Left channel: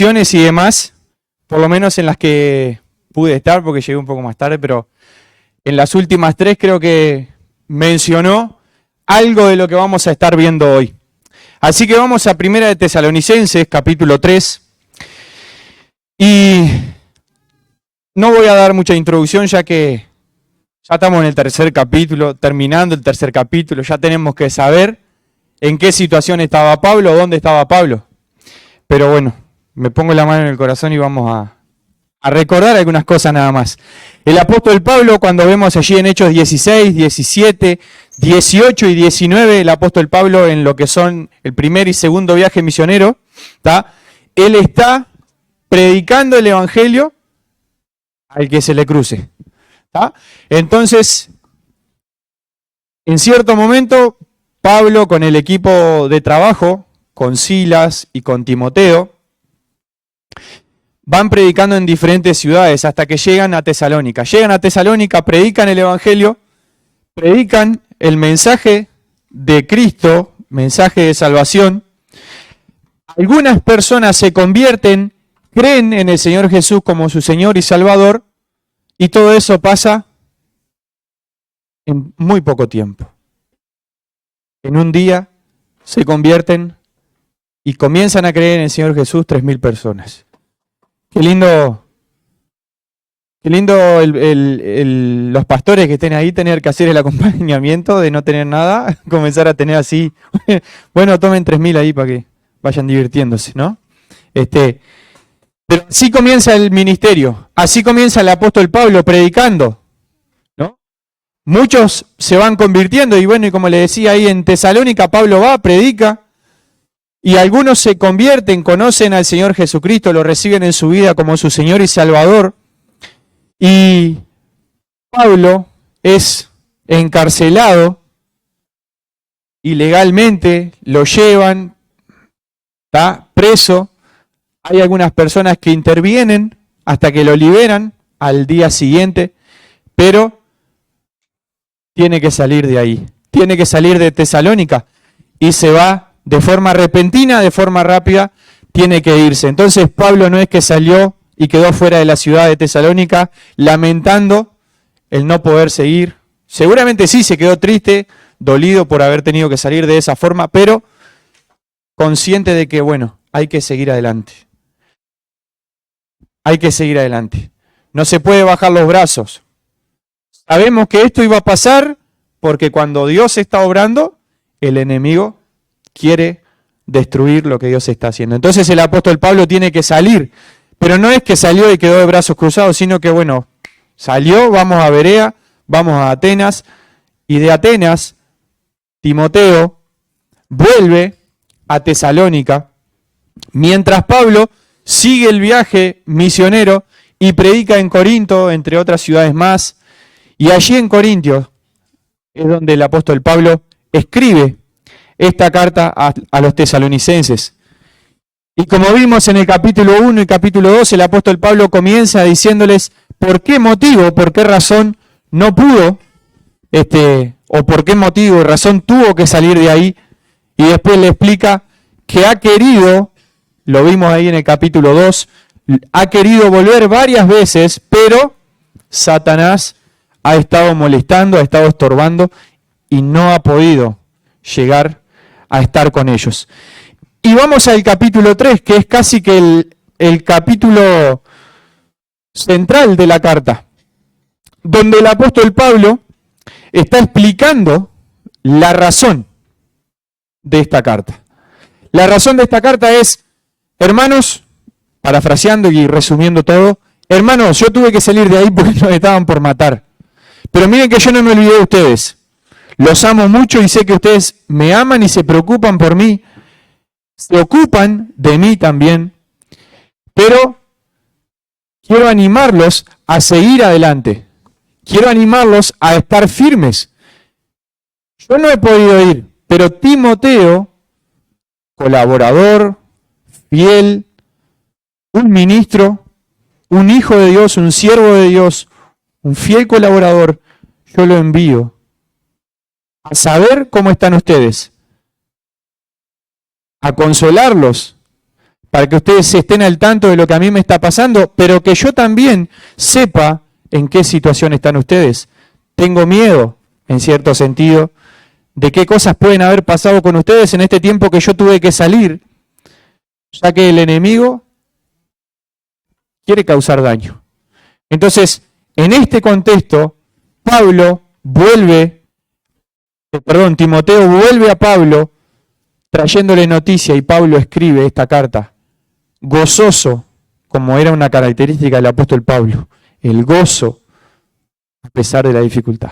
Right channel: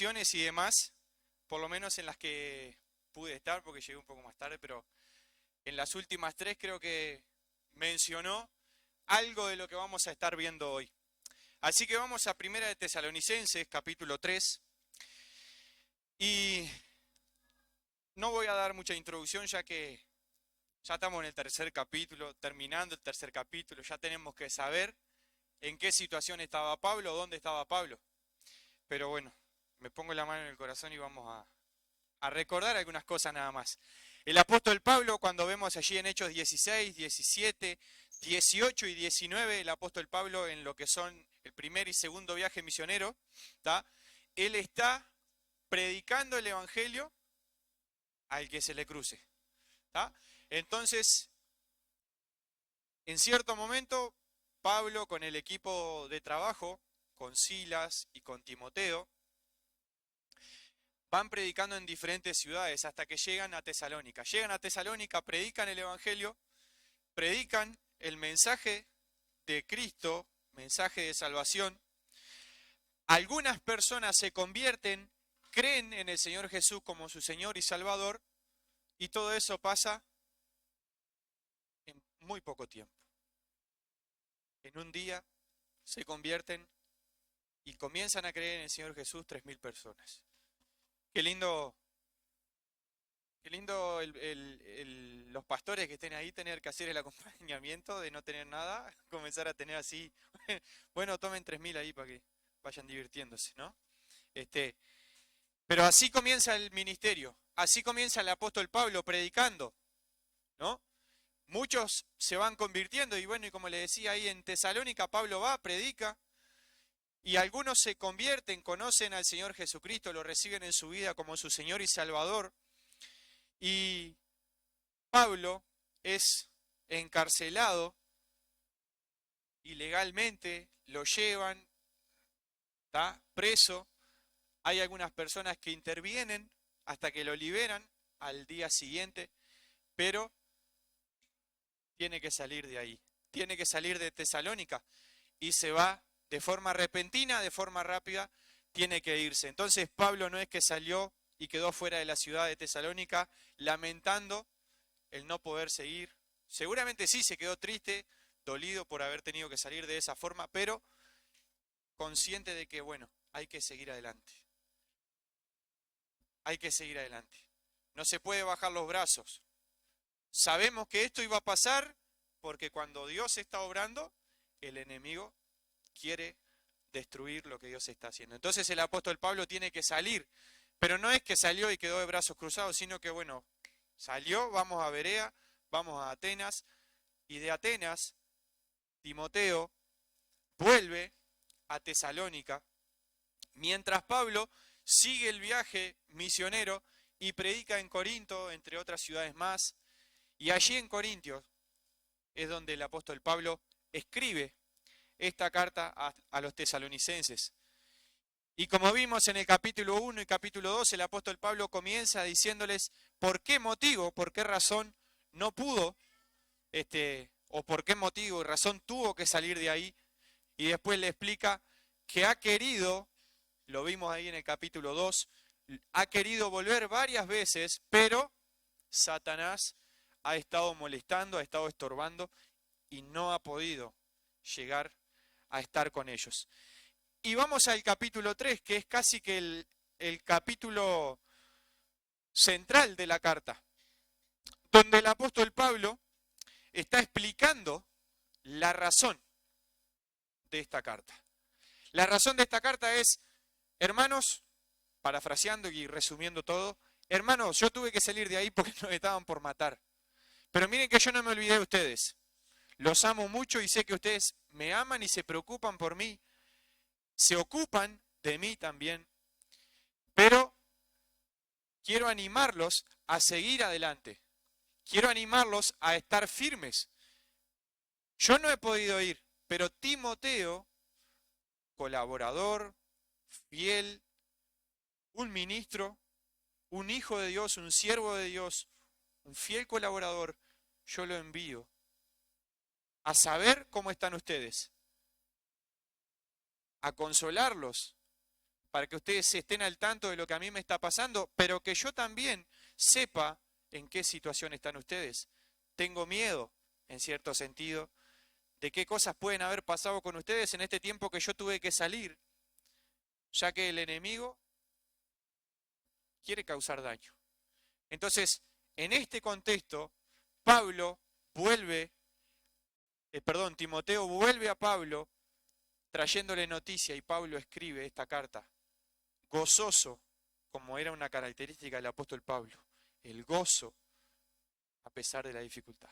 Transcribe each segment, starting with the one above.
introducciones y demás, por lo menos en las que pude estar, porque llegué un poco más tarde, pero en las últimas 3 creo que mencionó algo de lo que vamos a estar viendo hoy. Así que vamos a Primera de Tesalonicenses, capítulo 3. Y no voy a dar mucha introducción, ya que ya estamos en el tercer capítulo, terminando el tercer capítulo, ya tenemos que saber en qué situación estaba Pablo, dónde estaba Pablo. Pero bueno, me pongo la mano en el corazón y vamos a recordar algunas cosas nada más. El apóstol Pablo, cuando vemos allí en Hechos 16, 17, 18 y 19, el apóstol Pablo en lo que son el primer y segundo viaje misionero, ¿tá? Él está predicando el evangelio al que se le cruce. ¿Tá? Entonces, en cierto momento, Pablo con el equipo de trabajo, con Silas y con Timoteo, van predicando en diferentes ciudades hasta que llegan a Tesalónica. Llegan a Tesalónica, predican el evangelio, predican el mensaje de Cristo, mensaje de salvación. Algunas personas se convierten, creen en el Señor Jesús como su Señor y Salvador, y todo eso pasa en muy poco tiempo. En un día se convierten y comienzan a creer en el Señor Jesús 3.000 personas. Qué lindo los pastores que estén ahí tener que hacer el acompañamiento de no tener nada, comenzar a tener así, bueno, tomen 3.000 ahí para que vayan divirtiéndose, ¿no? Pero así comienza el ministerio, así comienza el apóstol Pablo predicando, ¿no? Muchos se van convirtiendo y bueno, y como le decía ahí en Tesalónica, Pablo va, predica, y algunos se convierten, conocen al Señor Jesucristo, lo reciben en su vida como su Señor y Salvador. Y Pablo es encarcelado ilegalmente, lo llevan, está preso. Hay algunas personas que intervienen hasta que lo liberan al día siguiente, pero tiene que salir de ahí, tiene que salir de Tesalónica y se va de forma repentina, de forma rápida, tiene que irse. Entonces Pablo no es que salió y quedó fuera de la ciudad de Tesalónica lamentando el no poder seguir. Seguramente sí se quedó triste, dolido por haber tenido que salir de esa forma, pero consciente de que, bueno, hay que seguir adelante. Hay que seguir adelante. No se puede bajar los brazos. Sabemos que esto iba a pasar porque cuando Dios está obrando, el enemigo quiere destruir lo que Dios está haciendo. Entonces el apóstol Pablo tiene que salir, pero no es que salió y quedó de brazos cruzados, sino que bueno, salió, vamos a Berea, vamos a Atenas, y de Atenas, Timoteo vuelve a Tesalónica, mientras Pablo sigue el viaje misionero y predica en Corinto, entre otras ciudades más, y allí en Corintios es donde el apóstol Pablo escribe esta carta a los tesalonicenses. Y como vimos en el capítulo 1 y capítulo 2, el apóstol Pablo comienza diciéndoles por qué motivo, por qué razón no pudo, o por qué motivo y razón tuvo que salir de ahí, y después le explica que ha querido, lo vimos ahí en el capítulo 2, ha querido volver varias veces, pero Satanás ha estado molestando, ha estado estorbando y no ha podido llegar a estar con ellos. Y vamos al capítulo 3, que es casi que el capítulo central de la carta, donde el apóstol Pablo está explicando la razón de esta carta. La razón de esta carta es, hermanos, parafraseando y resumiendo todo, hermanos, yo tuve que salir de ahí porque nos estaban por matar. Pero miren que yo no me olvidé de ustedes. Los amo mucho y sé que ustedes me aman y se preocupan por mí. Se ocupan de mí también. Pero quiero animarlos a seguir adelante. Quiero animarlos a estar firmes. Yo no he podido ir, pero Timoteo, colaborador, fiel, un ministro, un hijo de Dios, un siervo de Dios, un fiel colaborador, yo lo envío a saber cómo están ustedes, a consolarlos, para que ustedes estén al tanto de lo que a mí me está pasando, pero que yo también sepa en qué situación están ustedes. Tengo miedo, en cierto sentido, de qué cosas pueden haber pasado con ustedes en este tiempo que yo tuve que salir, ya que el enemigo quiere causar daño. Entonces, en este contexto, Timoteo vuelve a Pablo trayéndole noticia y Pablo escribe esta carta, gozoso, como era una característica del apóstol Pablo, el gozo a pesar de la dificultad.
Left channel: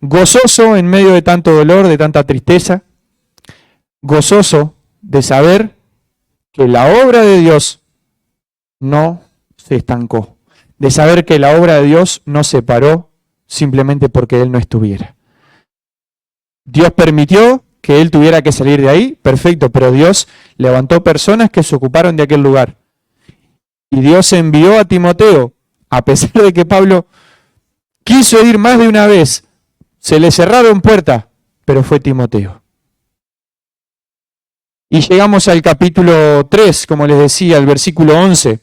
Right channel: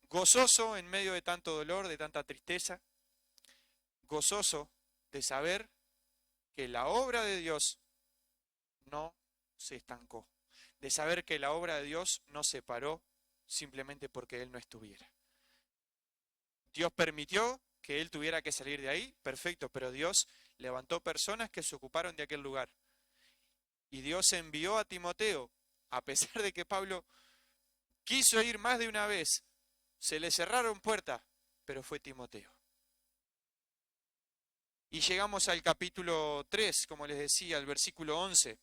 Gozoso en medio de tanto dolor, de tanta tristeza, gozoso de saber que la obra de Dios no se estancó, de saber que la obra de Dios no se paró simplemente porque Él no estuviera. Dios permitió que Él tuviera que salir de ahí, perfecto, pero Dios levantó personas que se ocuparon de aquel lugar. Y Dios envió a Timoteo, a pesar de que Pablo quiso ir más de una vez, se le cerraron puertas, pero fue Timoteo. Y llegamos al capítulo 3, como les decía, al versículo 11.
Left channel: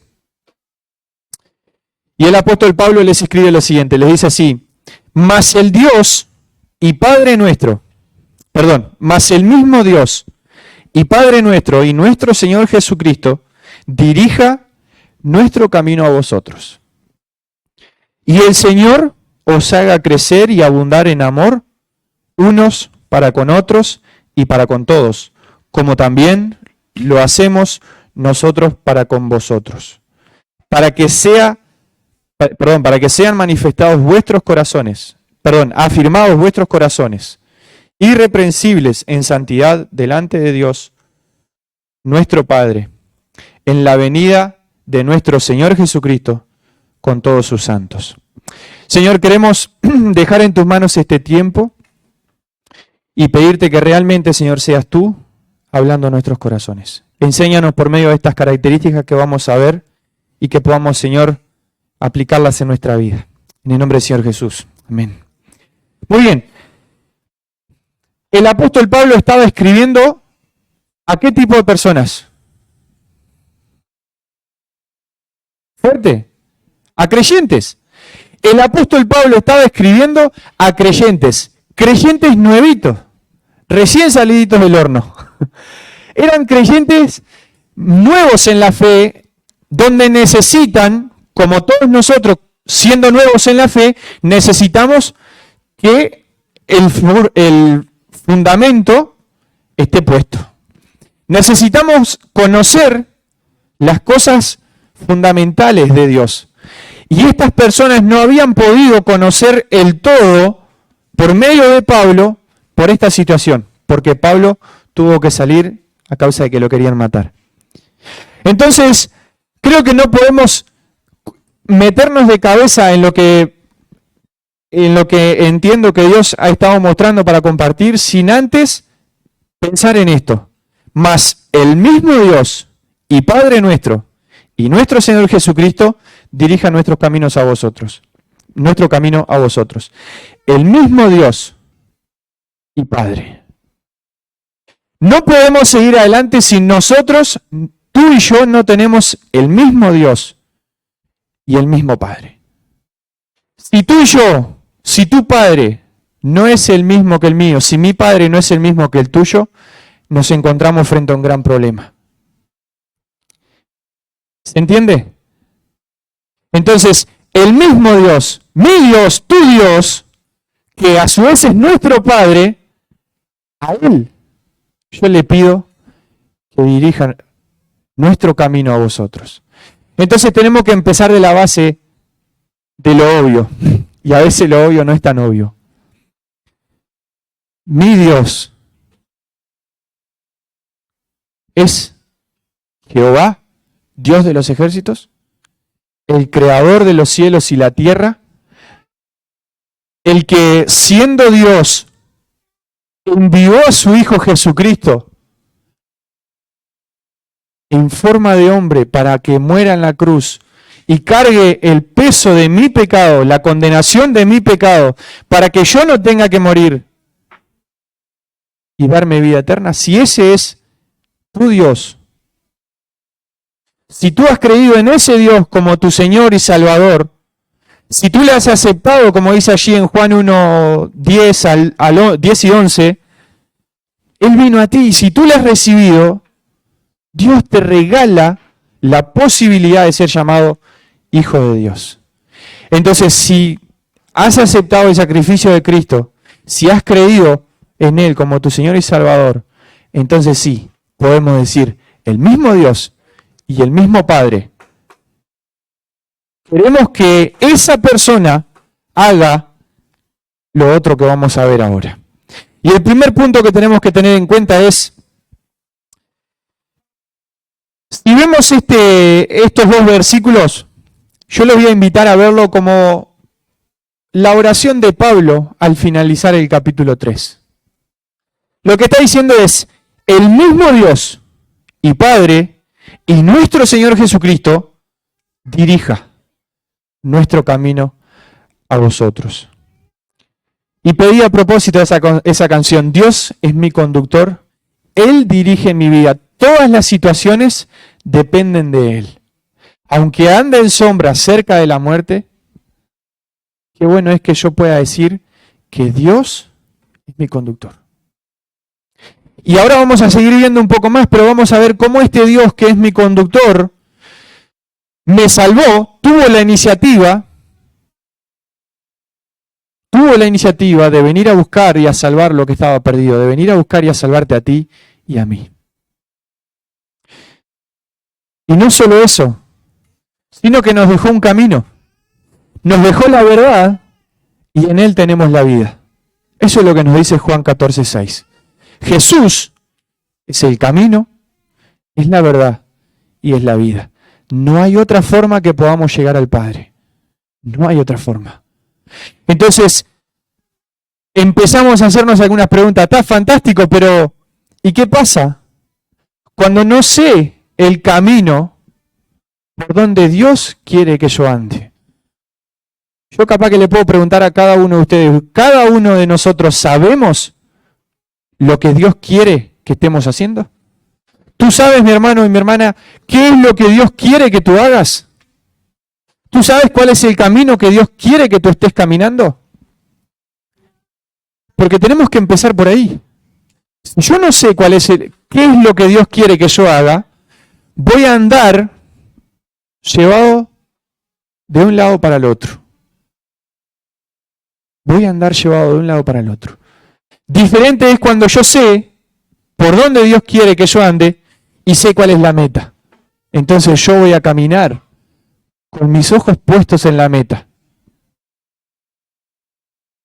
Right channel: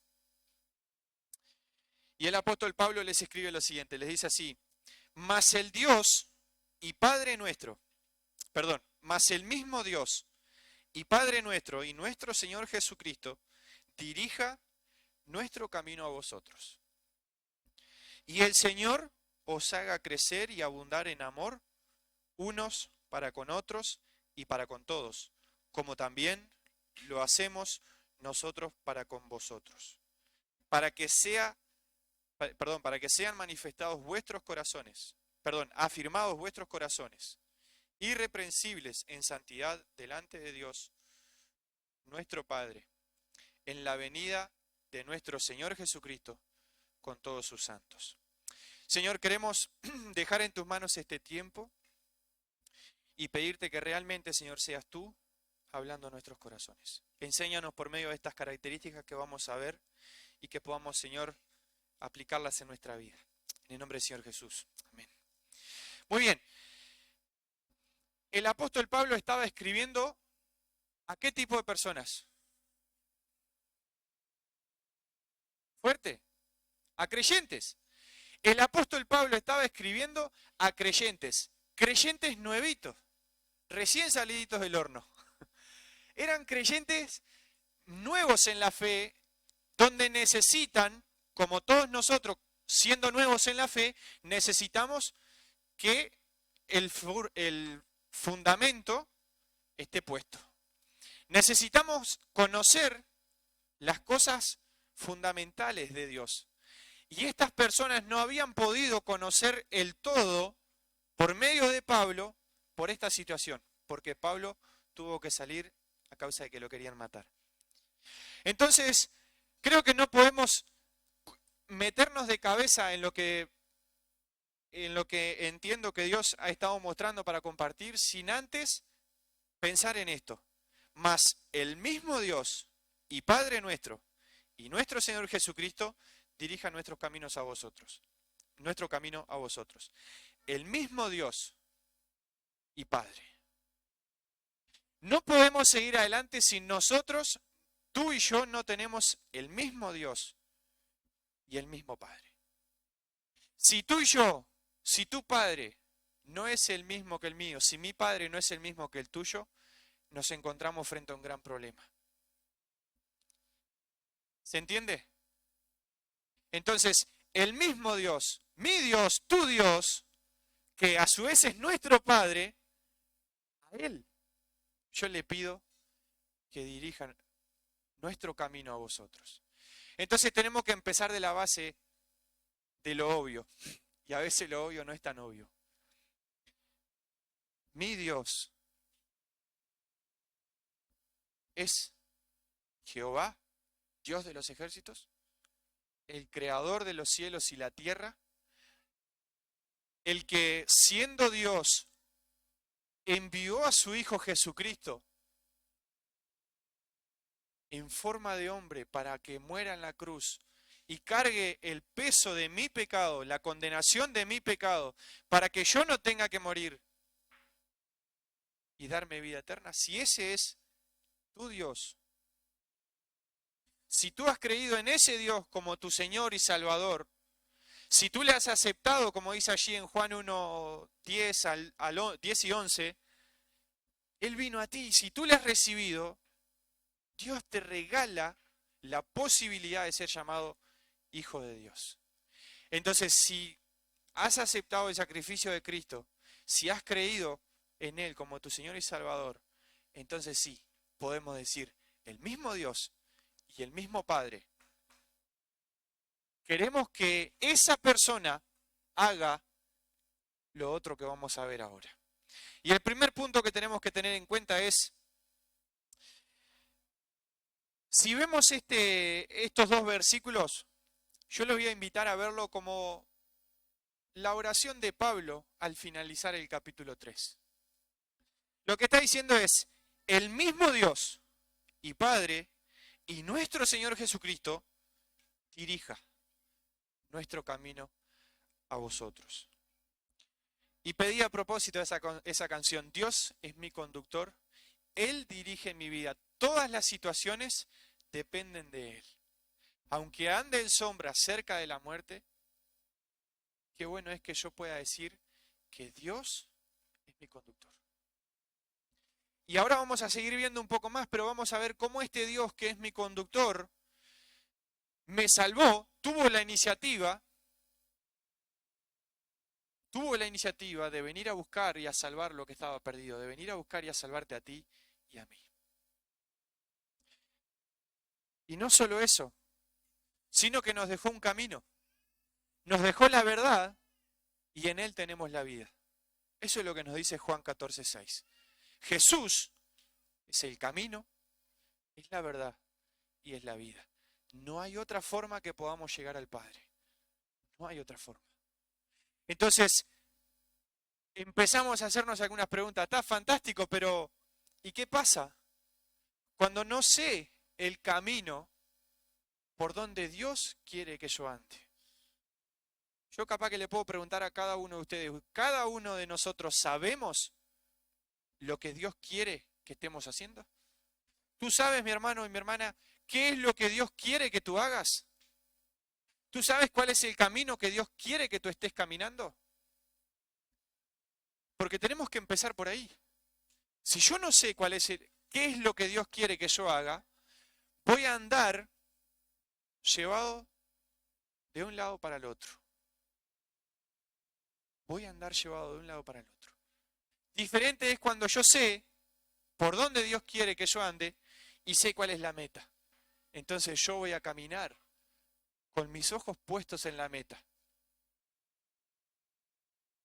Y el apóstol Pablo les escribe lo siguiente, les dice así, mas el mismo Dios y Padre nuestro y nuestro Señor Jesucristo dirija nuestro camino a vosotros. Y el Señor os haga crecer y abundar en amor unos para con otros y para con todos, como también lo hacemos nosotros para con vosotros, para que sean manifestados vuestros corazones, afirmados vuestros corazones, irreprensibles en santidad delante de Dios, nuestro Padre, en la venida de nuestro Señor Jesucristo con todos sus santos. Señor, queremos dejar en tus manos este tiempo y pedirte que realmente, Señor, seas tú hablando a nuestros corazones. Enséñanos por medio de estas características que vamos a ver y que podamos, Señor, aplicarlas en nuestra vida. En el nombre del Señor Jesús. Amén. Muy bien. El apóstol Pablo estaba escribiendo ¿a qué tipo de personas? Fuerte. A creyentes. El apóstol Pablo estaba escribiendo a creyentes nuevitos, recién saliditos del horno. Eran creyentes nuevos en la fe, donde necesitan, como todos nosotros, siendo nuevos en la fe, necesitamos que el fundamento esté puesto. Necesitamos conocer las cosas fundamentales de Dios. Y estas personas no habían podido conocer el todo por medio de Pablo por esta situación, porque Pablo tuvo que salir a causa de que lo querían matar. Entonces, creo que no podemos meternos de cabeza en lo que entiendo que Dios ha estado mostrando para compartir, sin antes pensar en esto. Mas el mismo Dios y Padre nuestro y nuestro Señor Jesucristo dirija nuestros caminos a vosotros. Nuestro camino a vosotros. El mismo Dios y Padre. No podemos seguir adelante si nosotros, tú y yo, no tenemos el mismo Dios y el mismo Padre. Si tú y yo, si tu Padre no es el mismo que el mío, si mi Padre no es el mismo que el tuyo, nos encontramos frente a un gran problema. ¿Se entiende? Entonces, el mismo Dios, mi Dios, tu Dios, que a su vez es nuestro Padre, a Él yo le pido que dirijan nuestro camino a vosotros. Entonces tenemos que empezar de la base de lo obvio, y a veces lo obvio no es tan obvio. Mi Dios es Jehová, Dios de los ejércitos, el creador de los cielos y la tierra, el que siendo Dios envió a su Hijo Jesucristo en forma de hombre para que muera en la cruz y cargue el peso de mi pecado, la condenación de mi pecado, para que yo no tenga que morir y darme vida eterna. Si ese es tu Dios, si tú has creído en ese Dios como tu Señor y Salvador, si tú le has aceptado, como dice allí en Juan 1, 10 y 11, Él vino a ti y si tú le has recibido, Dios te regala la posibilidad de ser llamado hijo de Dios. Entonces, si has aceptado el sacrificio de Cristo, si has creído en Él como tu Señor y Salvador, entonces sí, podemos decir, el mismo Dios y el mismo Padre, queremos que esa persona haga lo otro que vamos a ver ahora. Y el primer punto que tenemos que tener en cuenta es, si vemos estos dos versículos, yo los voy a invitar a verlo como la oración de Pablo al finalizar el capítulo 3. Lo que está diciendo es, el mismo Dios y Padre y nuestro Señor Jesucristo dirija nuestro camino a vosotros. Y pedí a propósito esa canción, Dios es mi conductor, Él dirige mi vida, todas las situaciones dependen de Él. Aunque ande en sombra cerca de la muerte, qué bueno es que yo pueda decir que Dios es mi conductor. Y ahora vamos a seguir viendo un poco más, pero vamos a ver cómo este Dios que es mi conductor me salvó, tuvo la iniciativa de venir a buscar y a salvar lo que estaba perdido, de venir a buscar y a salvarte a ti y a mí. Y no solo eso, sino que nos dejó un camino, nos dejó la verdad y en Él tenemos la vida. Eso es lo que nos dice Juan 14:6. Jesús es el camino, es la verdad y es la vida. No hay otra forma que podamos llegar al Padre. No hay otra forma. Entonces, empezamos a hacernos algunas preguntas. Está fantástico, pero ¿y qué pasa cuando no sé el camino por donde Dios quiere que yo ande? Yo capaz que le puedo preguntar a cada uno de ustedes, ¿cada uno de nosotros sabemos lo que Dios quiere que estemos haciendo? ¿Tú sabes, mi hermano y mi hermana, qué es lo que Dios quiere que tú hagas? ¿Tú sabes cuál es el camino que Dios quiere que tú estés caminando? Porque tenemos que empezar por ahí. Si yo no sé qué es lo que Dios quiere que yo haga, voy a andar llevado de un lado para el otro. Voy a andar llevado de un lado para el otro. Diferente es cuando yo sé por dónde Dios quiere que yo ande y sé cuál es la meta. Entonces yo voy a caminar con mis ojos puestos en la meta.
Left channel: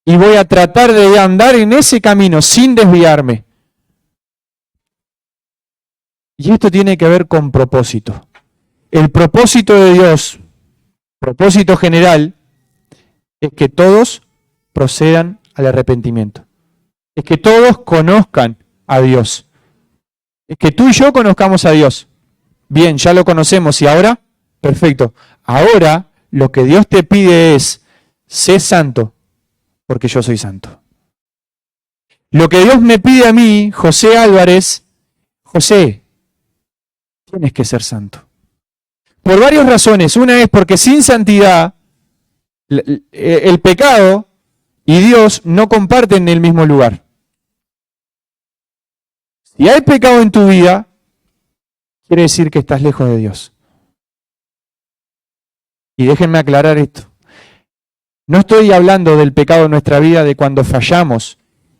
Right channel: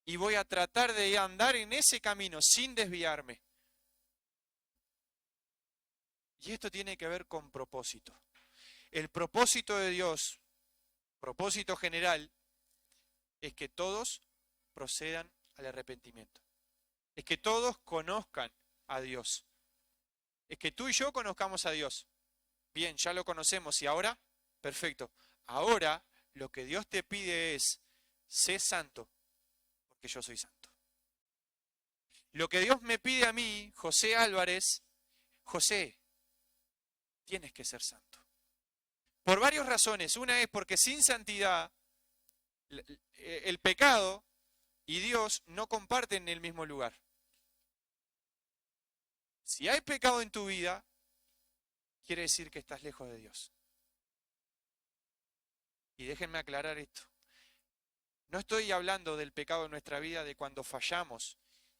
Y voy a tratar de andar en ese camino sin desviarme. Y esto tiene que ver con propósito. El propósito de Dios, propósito general, es que todos procedan al arrepentimiento. Es que todos conozcan a Dios. Es que tú y yo conozcamos a Dios. Bien, ya lo conocemos y ahora, perfecto. Ahora lo que Dios te pide es, sé santo, porque yo soy santo. Lo que Dios me pide a mí, José Álvarez, José, tienes que ser santo. Por varias razones. Una es porque sin santidad, el pecado y Dios no comparten el mismo lugar. Si hay pecado en tu vida, quiere decir que estás lejos de Dios. Y déjenme aclarar esto. No estoy hablando del pecado en nuestra vida, de cuando fallamos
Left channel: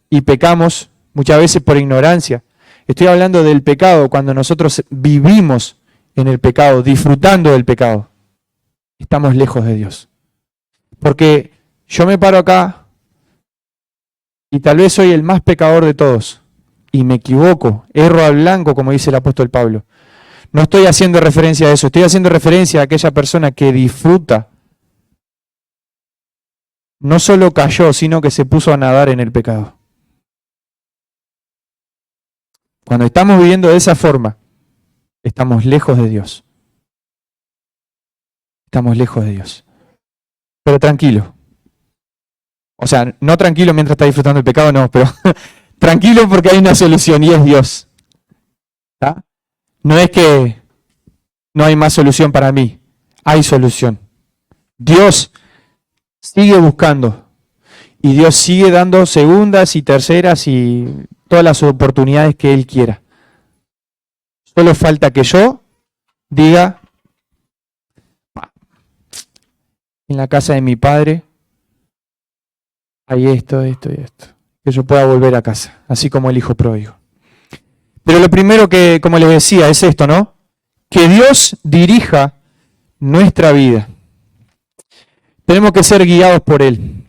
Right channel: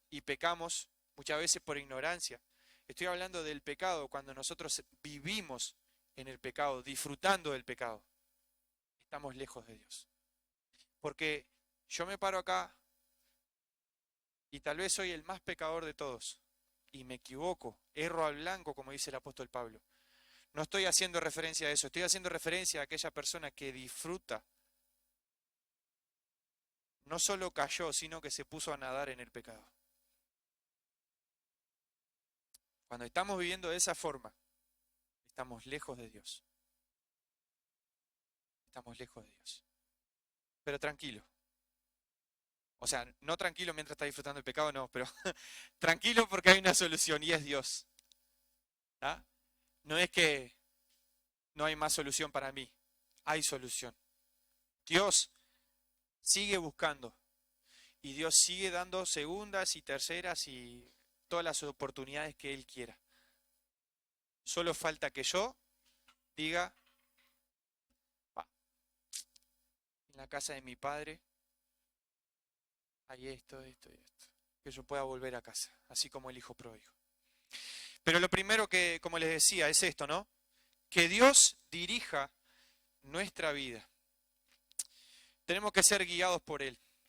y pecamos muchas veces por ignorancia. Estoy hablando del pecado cuando nosotros vivimos en el pecado, disfrutando del pecado. Estamos lejos de Dios. Porque yo me paro acá y tal vez soy el más pecador de todos. Y me equivoco, erro al blanco, como dice el apóstol Pablo. No estoy haciendo referencia a eso, estoy haciendo referencia a aquella persona que disfruta. No solo cayó, sino que se puso a nadar en el pecado. Cuando estamos viviendo de esa forma, estamos lejos de Dios. Estamos lejos de Dios. Pero tranquilo. O sea, no tranquilo mientras está disfrutando el pecado, no, pero tranquilo porque hay una solución y es Dios. ¿Tá? No es que no hay más solución para mí. Hay solución. Dios sigue buscando y Dios sigue dando segundas y terceras y todas las oportunidades que Él quiera. Solo falta que yo diga, en la casa de mi padre hay esto, esto y esto. Que yo pueda volver a casa, así como el hijo pródigo. Pero lo primero que, como les decía, es esto, ¿no? Que Dios dirija nuestra vida. Tenemos que ser guiados por Él.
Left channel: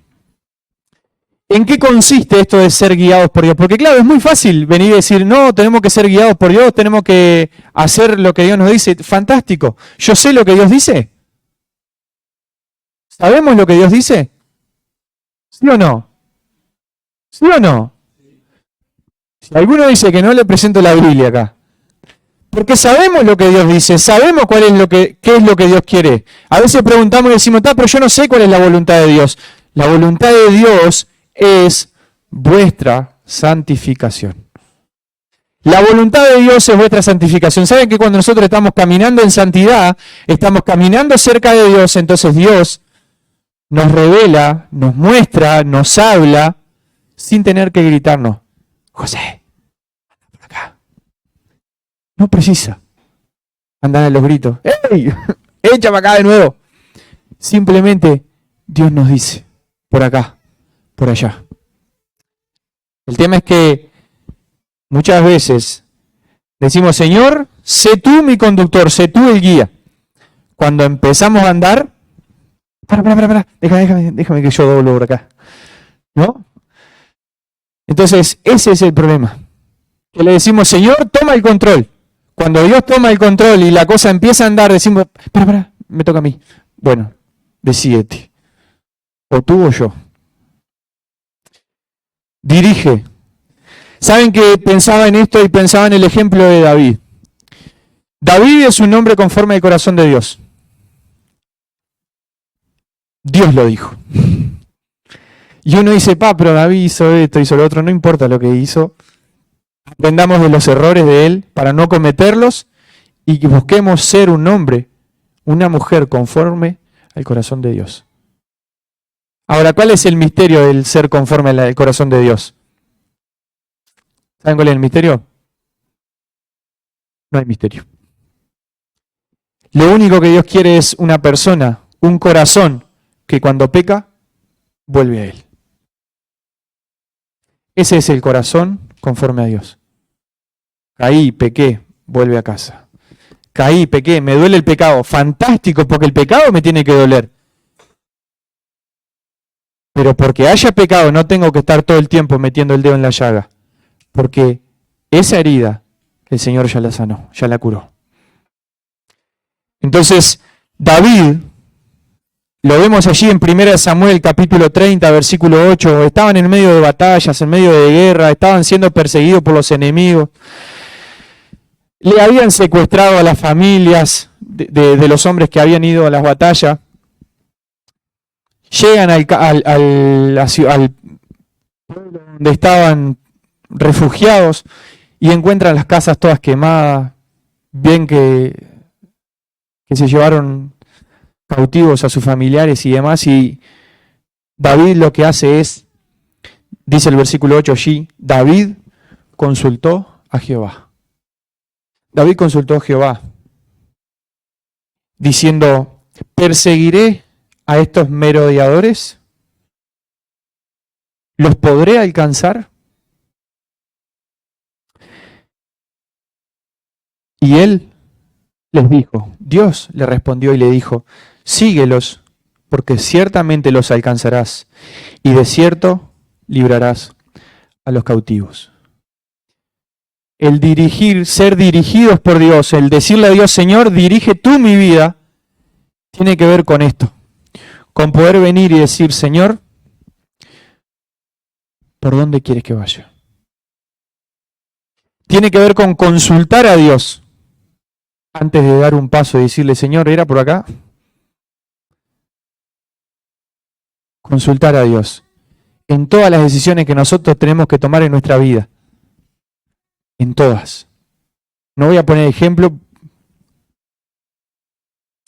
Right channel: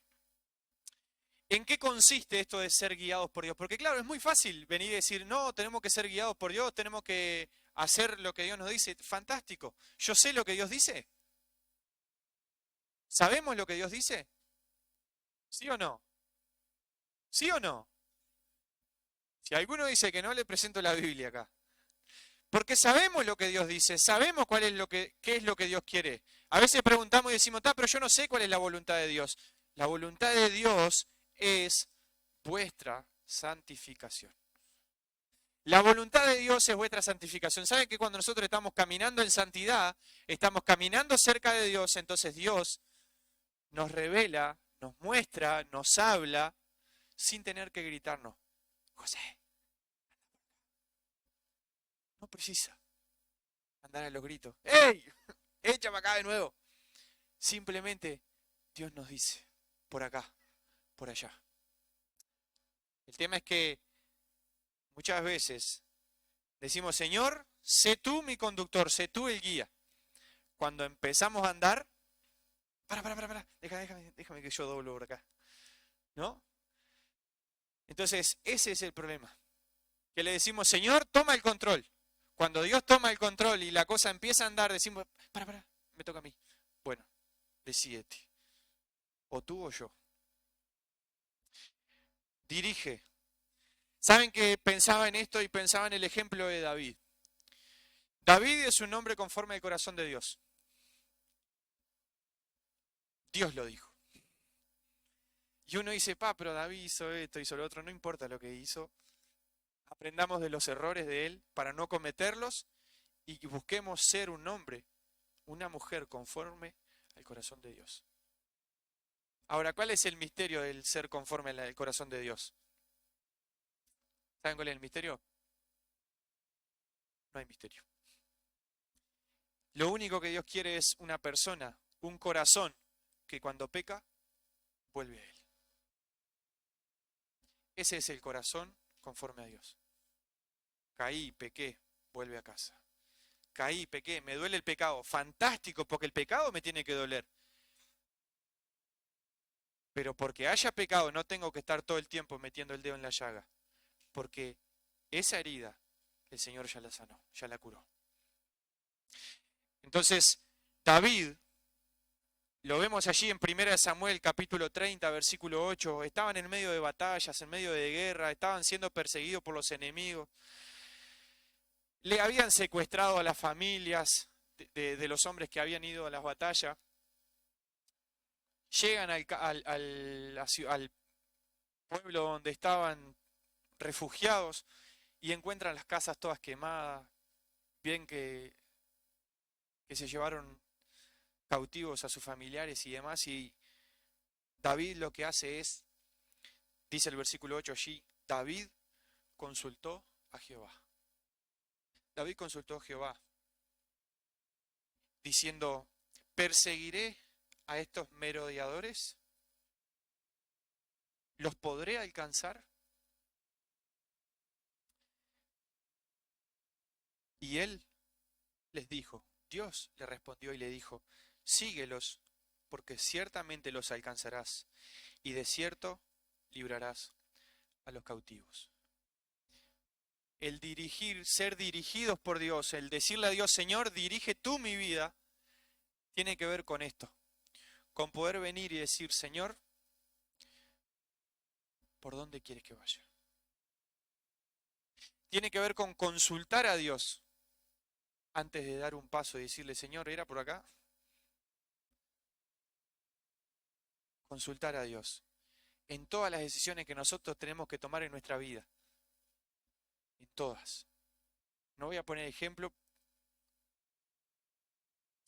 ¿En qué consiste esto de ser guiados por Dios? Porque claro, es muy fácil venir y decir, no, tenemos que ser guiados por Dios, tenemos que hacer lo que Dios nos dice. Fantástico. ¿Yo sé lo que Dios dice? ¿Sabemos lo que Dios dice? ¿Sí o no? ¿Sí o no? Si alguno dice que no, le presento la Biblia acá. Porque sabemos lo que Dios dice, sabemos cuál es qué es lo que Dios quiere. A veces preguntamos y decimos, pero yo no sé cuál es la voluntad de Dios. La voluntad de Dios es vuestra santificación. La voluntad de Dios es vuestra santificación. ¿Saben que cuando nosotros estamos caminando en santidad, estamos caminando cerca de Dios, entonces Dios nos revela, nos muestra, nos habla, sin tener que gritarnos, José, anda por acá. No precisa andar a los gritos, ¡ey! Échame acá de nuevo. Simplemente Dios nos dice, por acá, por allá. El tema es que muchas veces decimos, Señor, sé tú mi conductor, sé tú el guía. Cuando empezamos a andar, para, déjame que yo doblo por acá. ¿No? Entonces, ese es el problema. Que le decimos, Señor, toma el control. Cuando Dios toma el control y la cosa empieza a andar, decimos, me toca a mí. Bueno, decídete. O tú o yo. Dirige. ¿Saben que pensaba en esto y pensaba en el ejemplo de David? David es un hombre conforme al corazón de Dios. Dios lo dijo. Y uno dice, pero David hizo esto, hizo lo otro, no importa lo que hizo. Aprendamos de los errores de él para no cometerlos y que busquemos ser un hombre, una mujer conforme al corazón de Dios. Ahora, ¿cuál es el misterio del ser conforme al corazón de Dios? ¿Saben cuál es el misterio? No hay misterio. Lo único que Dios quiere es una persona, un corazón, que cuando peca, vuelve a Él. Ese es el corazón conforme a Dios. Caí, pequé, vuelve a casa. Caí, pequé, me duele el pecado. Fantástico, porque el pecado me tiene que doler. Pero porque haya pecado no tengo que estar todo el tiempo metiendo el dedo en la llaga. Porque esa herida el Señor ya la sanó, ya la curó. Entonces, David, lo vemos allí en 1 Samuel capítulo 30, versículo 8, estaban en medio de batallas, en medio de guerra, estaban siendo perseguidos por los enemigos. Le habían secuestrado a las familias de los hombres que habían ido a las batallas. Llegan al pueblo donde estaban refugiados y encuentran las casas todas quemadas, bien que se llevaron cautivos a sus familiares y demás, y David lo que hace es, dice el versículo 8 allí, David consultó a Jehová. David consultó a Jehová, diciendo, ¿perseguiré a estos merodeadores? ¿Los podré alcanzar? Y él les dijo, Dios le respondió y le dijo, síguelos, porque ciertamente los alcanzarás, y de cierto librarás a los cautivos. El dirigir, ser dirigidos por Dios, el decirle a Dios, Señor, dirige tú mi vida, tiene que ver con esto, con poder venir y decir, Señor, ¿por dónde quieres que vaya? Tiene que ver con consultar a Dios antes de dar un paso y decirle, Señor, ¿era por acá? Consultar a Dios en todas las decisiones que nosotros tenemos que tomar en nuestra vida. En todas. No voy a poner ejemplo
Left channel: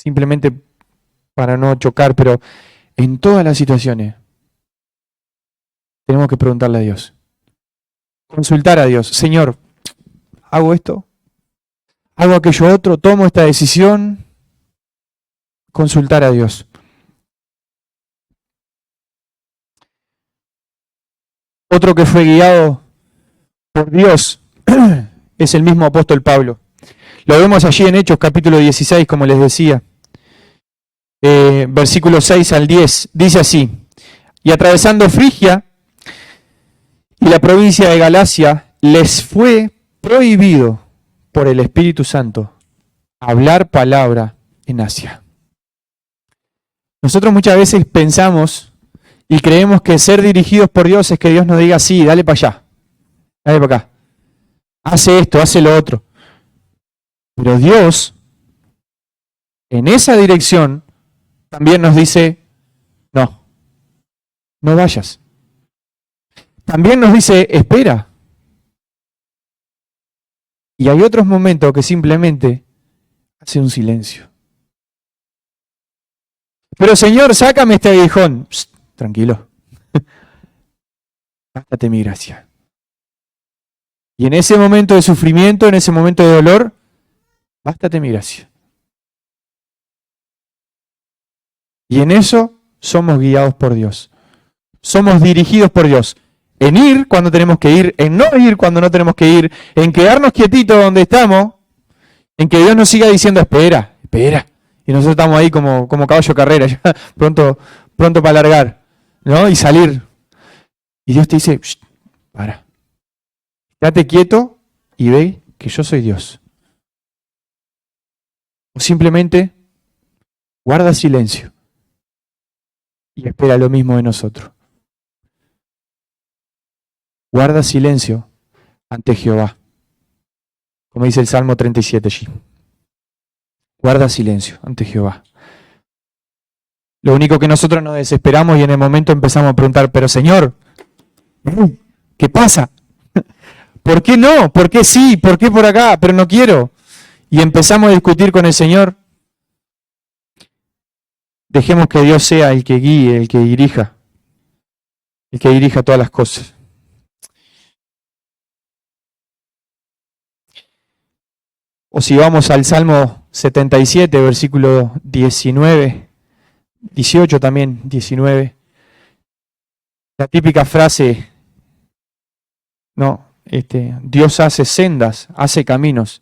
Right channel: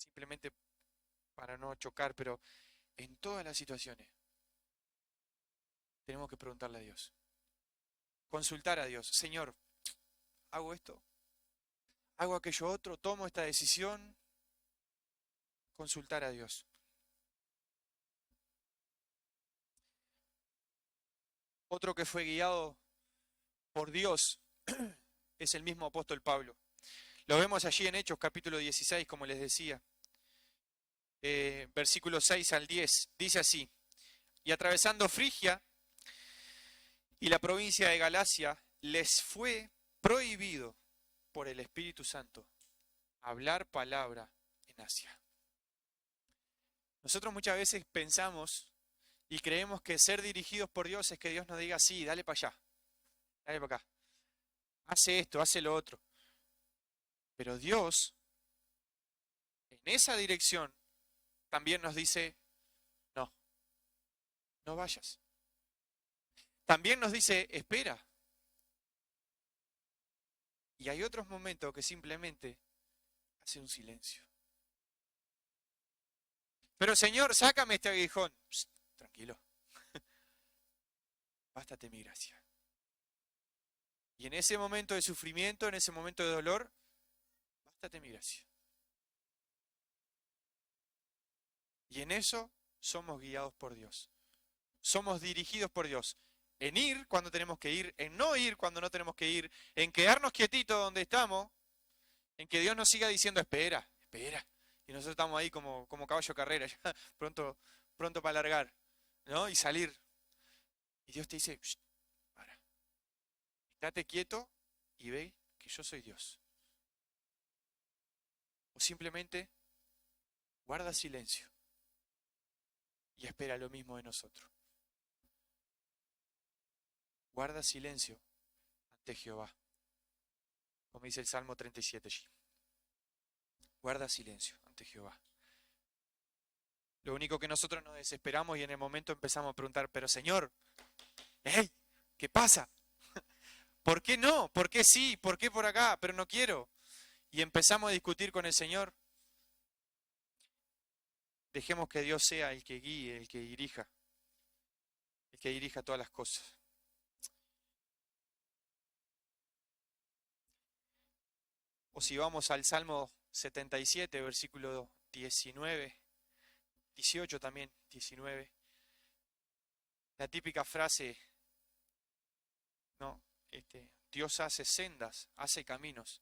simplemente para no chocar, pero en todas las situaciones tenemos que preguntarle a Dios. Consultar a Dios. Señor, ¿hago esto? ¿Hago aquello otro? ¿Tomo esta decisión? Consultar a Dios. Otro que fue guiado por Dios es el mismo apóstol Pablo. Lo vemos allí en Hechos capítulo 16, como les decía. Versículos 6 al 10. Dice así: y atravesando Frigia y la provincia de Galacia, les fue prohibido por el Espíritu Santo hablar palabra en Asia. Nosotros muchas veces pensamos y creemos que ser dirigidos por Dios es que Dios nos diga, sí, dale para allá, dale para acá, hace esto, hace lo otro. Pero Dios, en esa dirección, también nos dice, no, no vayas. También nos dice, espera. Y hay otros momentos que simplemente hace un silencio. Pero Señor, sácame este aguijón. Psst, tranquilo. Bástate mi gracia. Y en ese momento de sufrimiento, en ese momento de dolor, bástate mi gracia. Y en eso somos guiados por Dios. Somos dirigidos por Dios. En ir cuando tenemos que ir, en no ir cuando no tenemos que ir, en quedarnos quietitos donde estamos, en que Dios nos siga diciendo, espera, espera. Y nosotros estamos ahí como caballo de carrera, ya pronto para largar, ¿no? Y salir. Y Dios te dice, para. Quédate quieto y ve que yo soy Dios. O simplemente guarda silencio y espera lo mismo de nosotros. Guarda silencio ante Jehová. Como dice el Salmo 37 allí. Guarda silencio ante Jehová. Lo único que nosotros nos desesperamos y en el momento empezamos a preguntar, pero Señor, ¿qué pasa? ¿Por qué no? ¿Por qué sí? ¿Por qué por acá? Pero no quiero. Y empezamos a discutir con el Señor. Dejemos que Dios sea el que guíe, el que dirija todas las cosas. O si vamos al Salmo 77, versículo 19, 18 también, 19. La típica frase, no, Dios hace sendas, hace caminos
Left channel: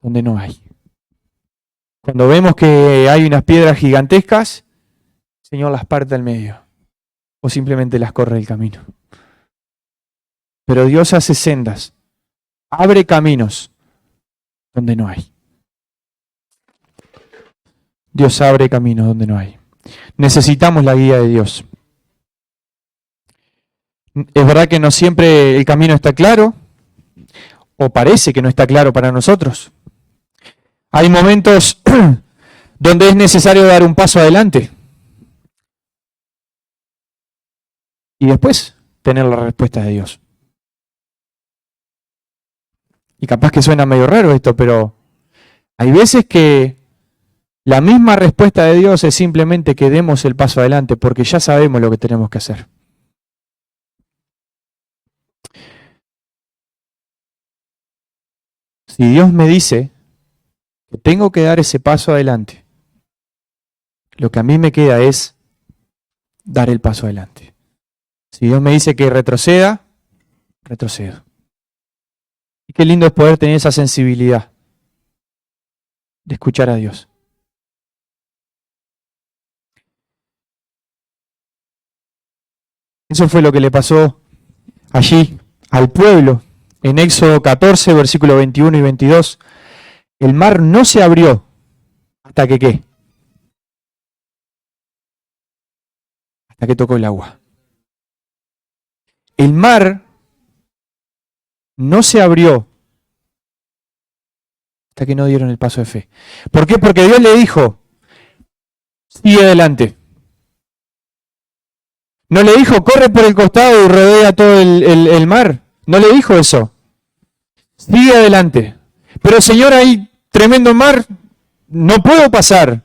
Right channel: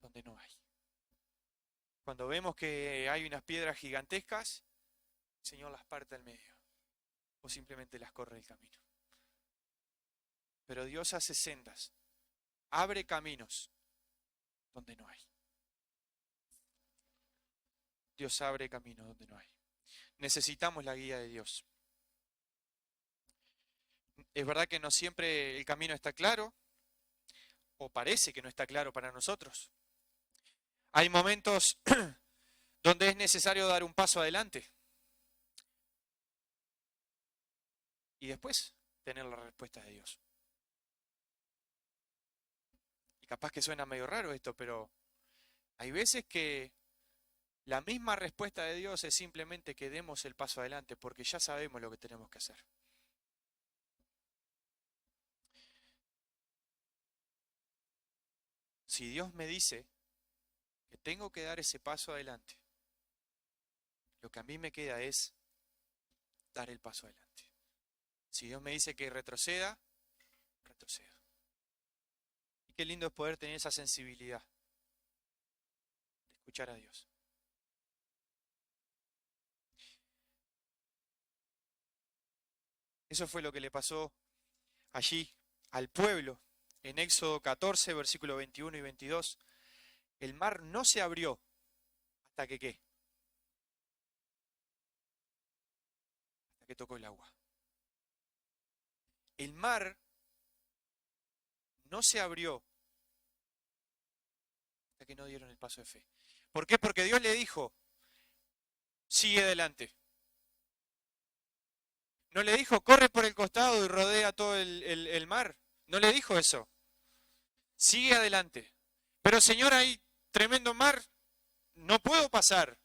donde no hay. Cuando vemos que hay unas piedras gigantescas, el Señor las parte al medio o simplemente las corre el camino. Pero Dios hace sendas, abre caminos donde no hay. Dios abre caminos donde no hay. Necesitamos la guía de Dios. Es verdad que no siempre el camino está claro, o parece que no está claro para nosotros. Hay momentos donde es necesario dar un paso adelante y después tener la respuesta de Dios. Y capaz que suena medio raro esto, pero hay veces que la misma respuesta de Dios es simplemente que demos el paso adelante porque ya sabemos lo que tenemos que hacer. Si Dios me dice que tengo que dar ese paso adelante, lo que a mí me queda es dar el paso adelante. Si Dios me dice que retroceda, retrocedo. Y qué lindo es poder tener esa sensibilidad de escuchar a Dios. Eso fue lo que le pasó allí al pueblo. En Éxodo 14, versículos 21 y 22, el mar no se abrió hasta que ¿qué? Hasta que tocó el agua. El mar no se abrió hasta que no dieron el paso de fe. ¿Por qué? Porque Dios le dijo, sigue adelante. No le dijo, corre por el costado y rodea todo el mar. No le dijo eso. Sigue adelante. Pero Señor, hay tremendo mar, no puedo pasar.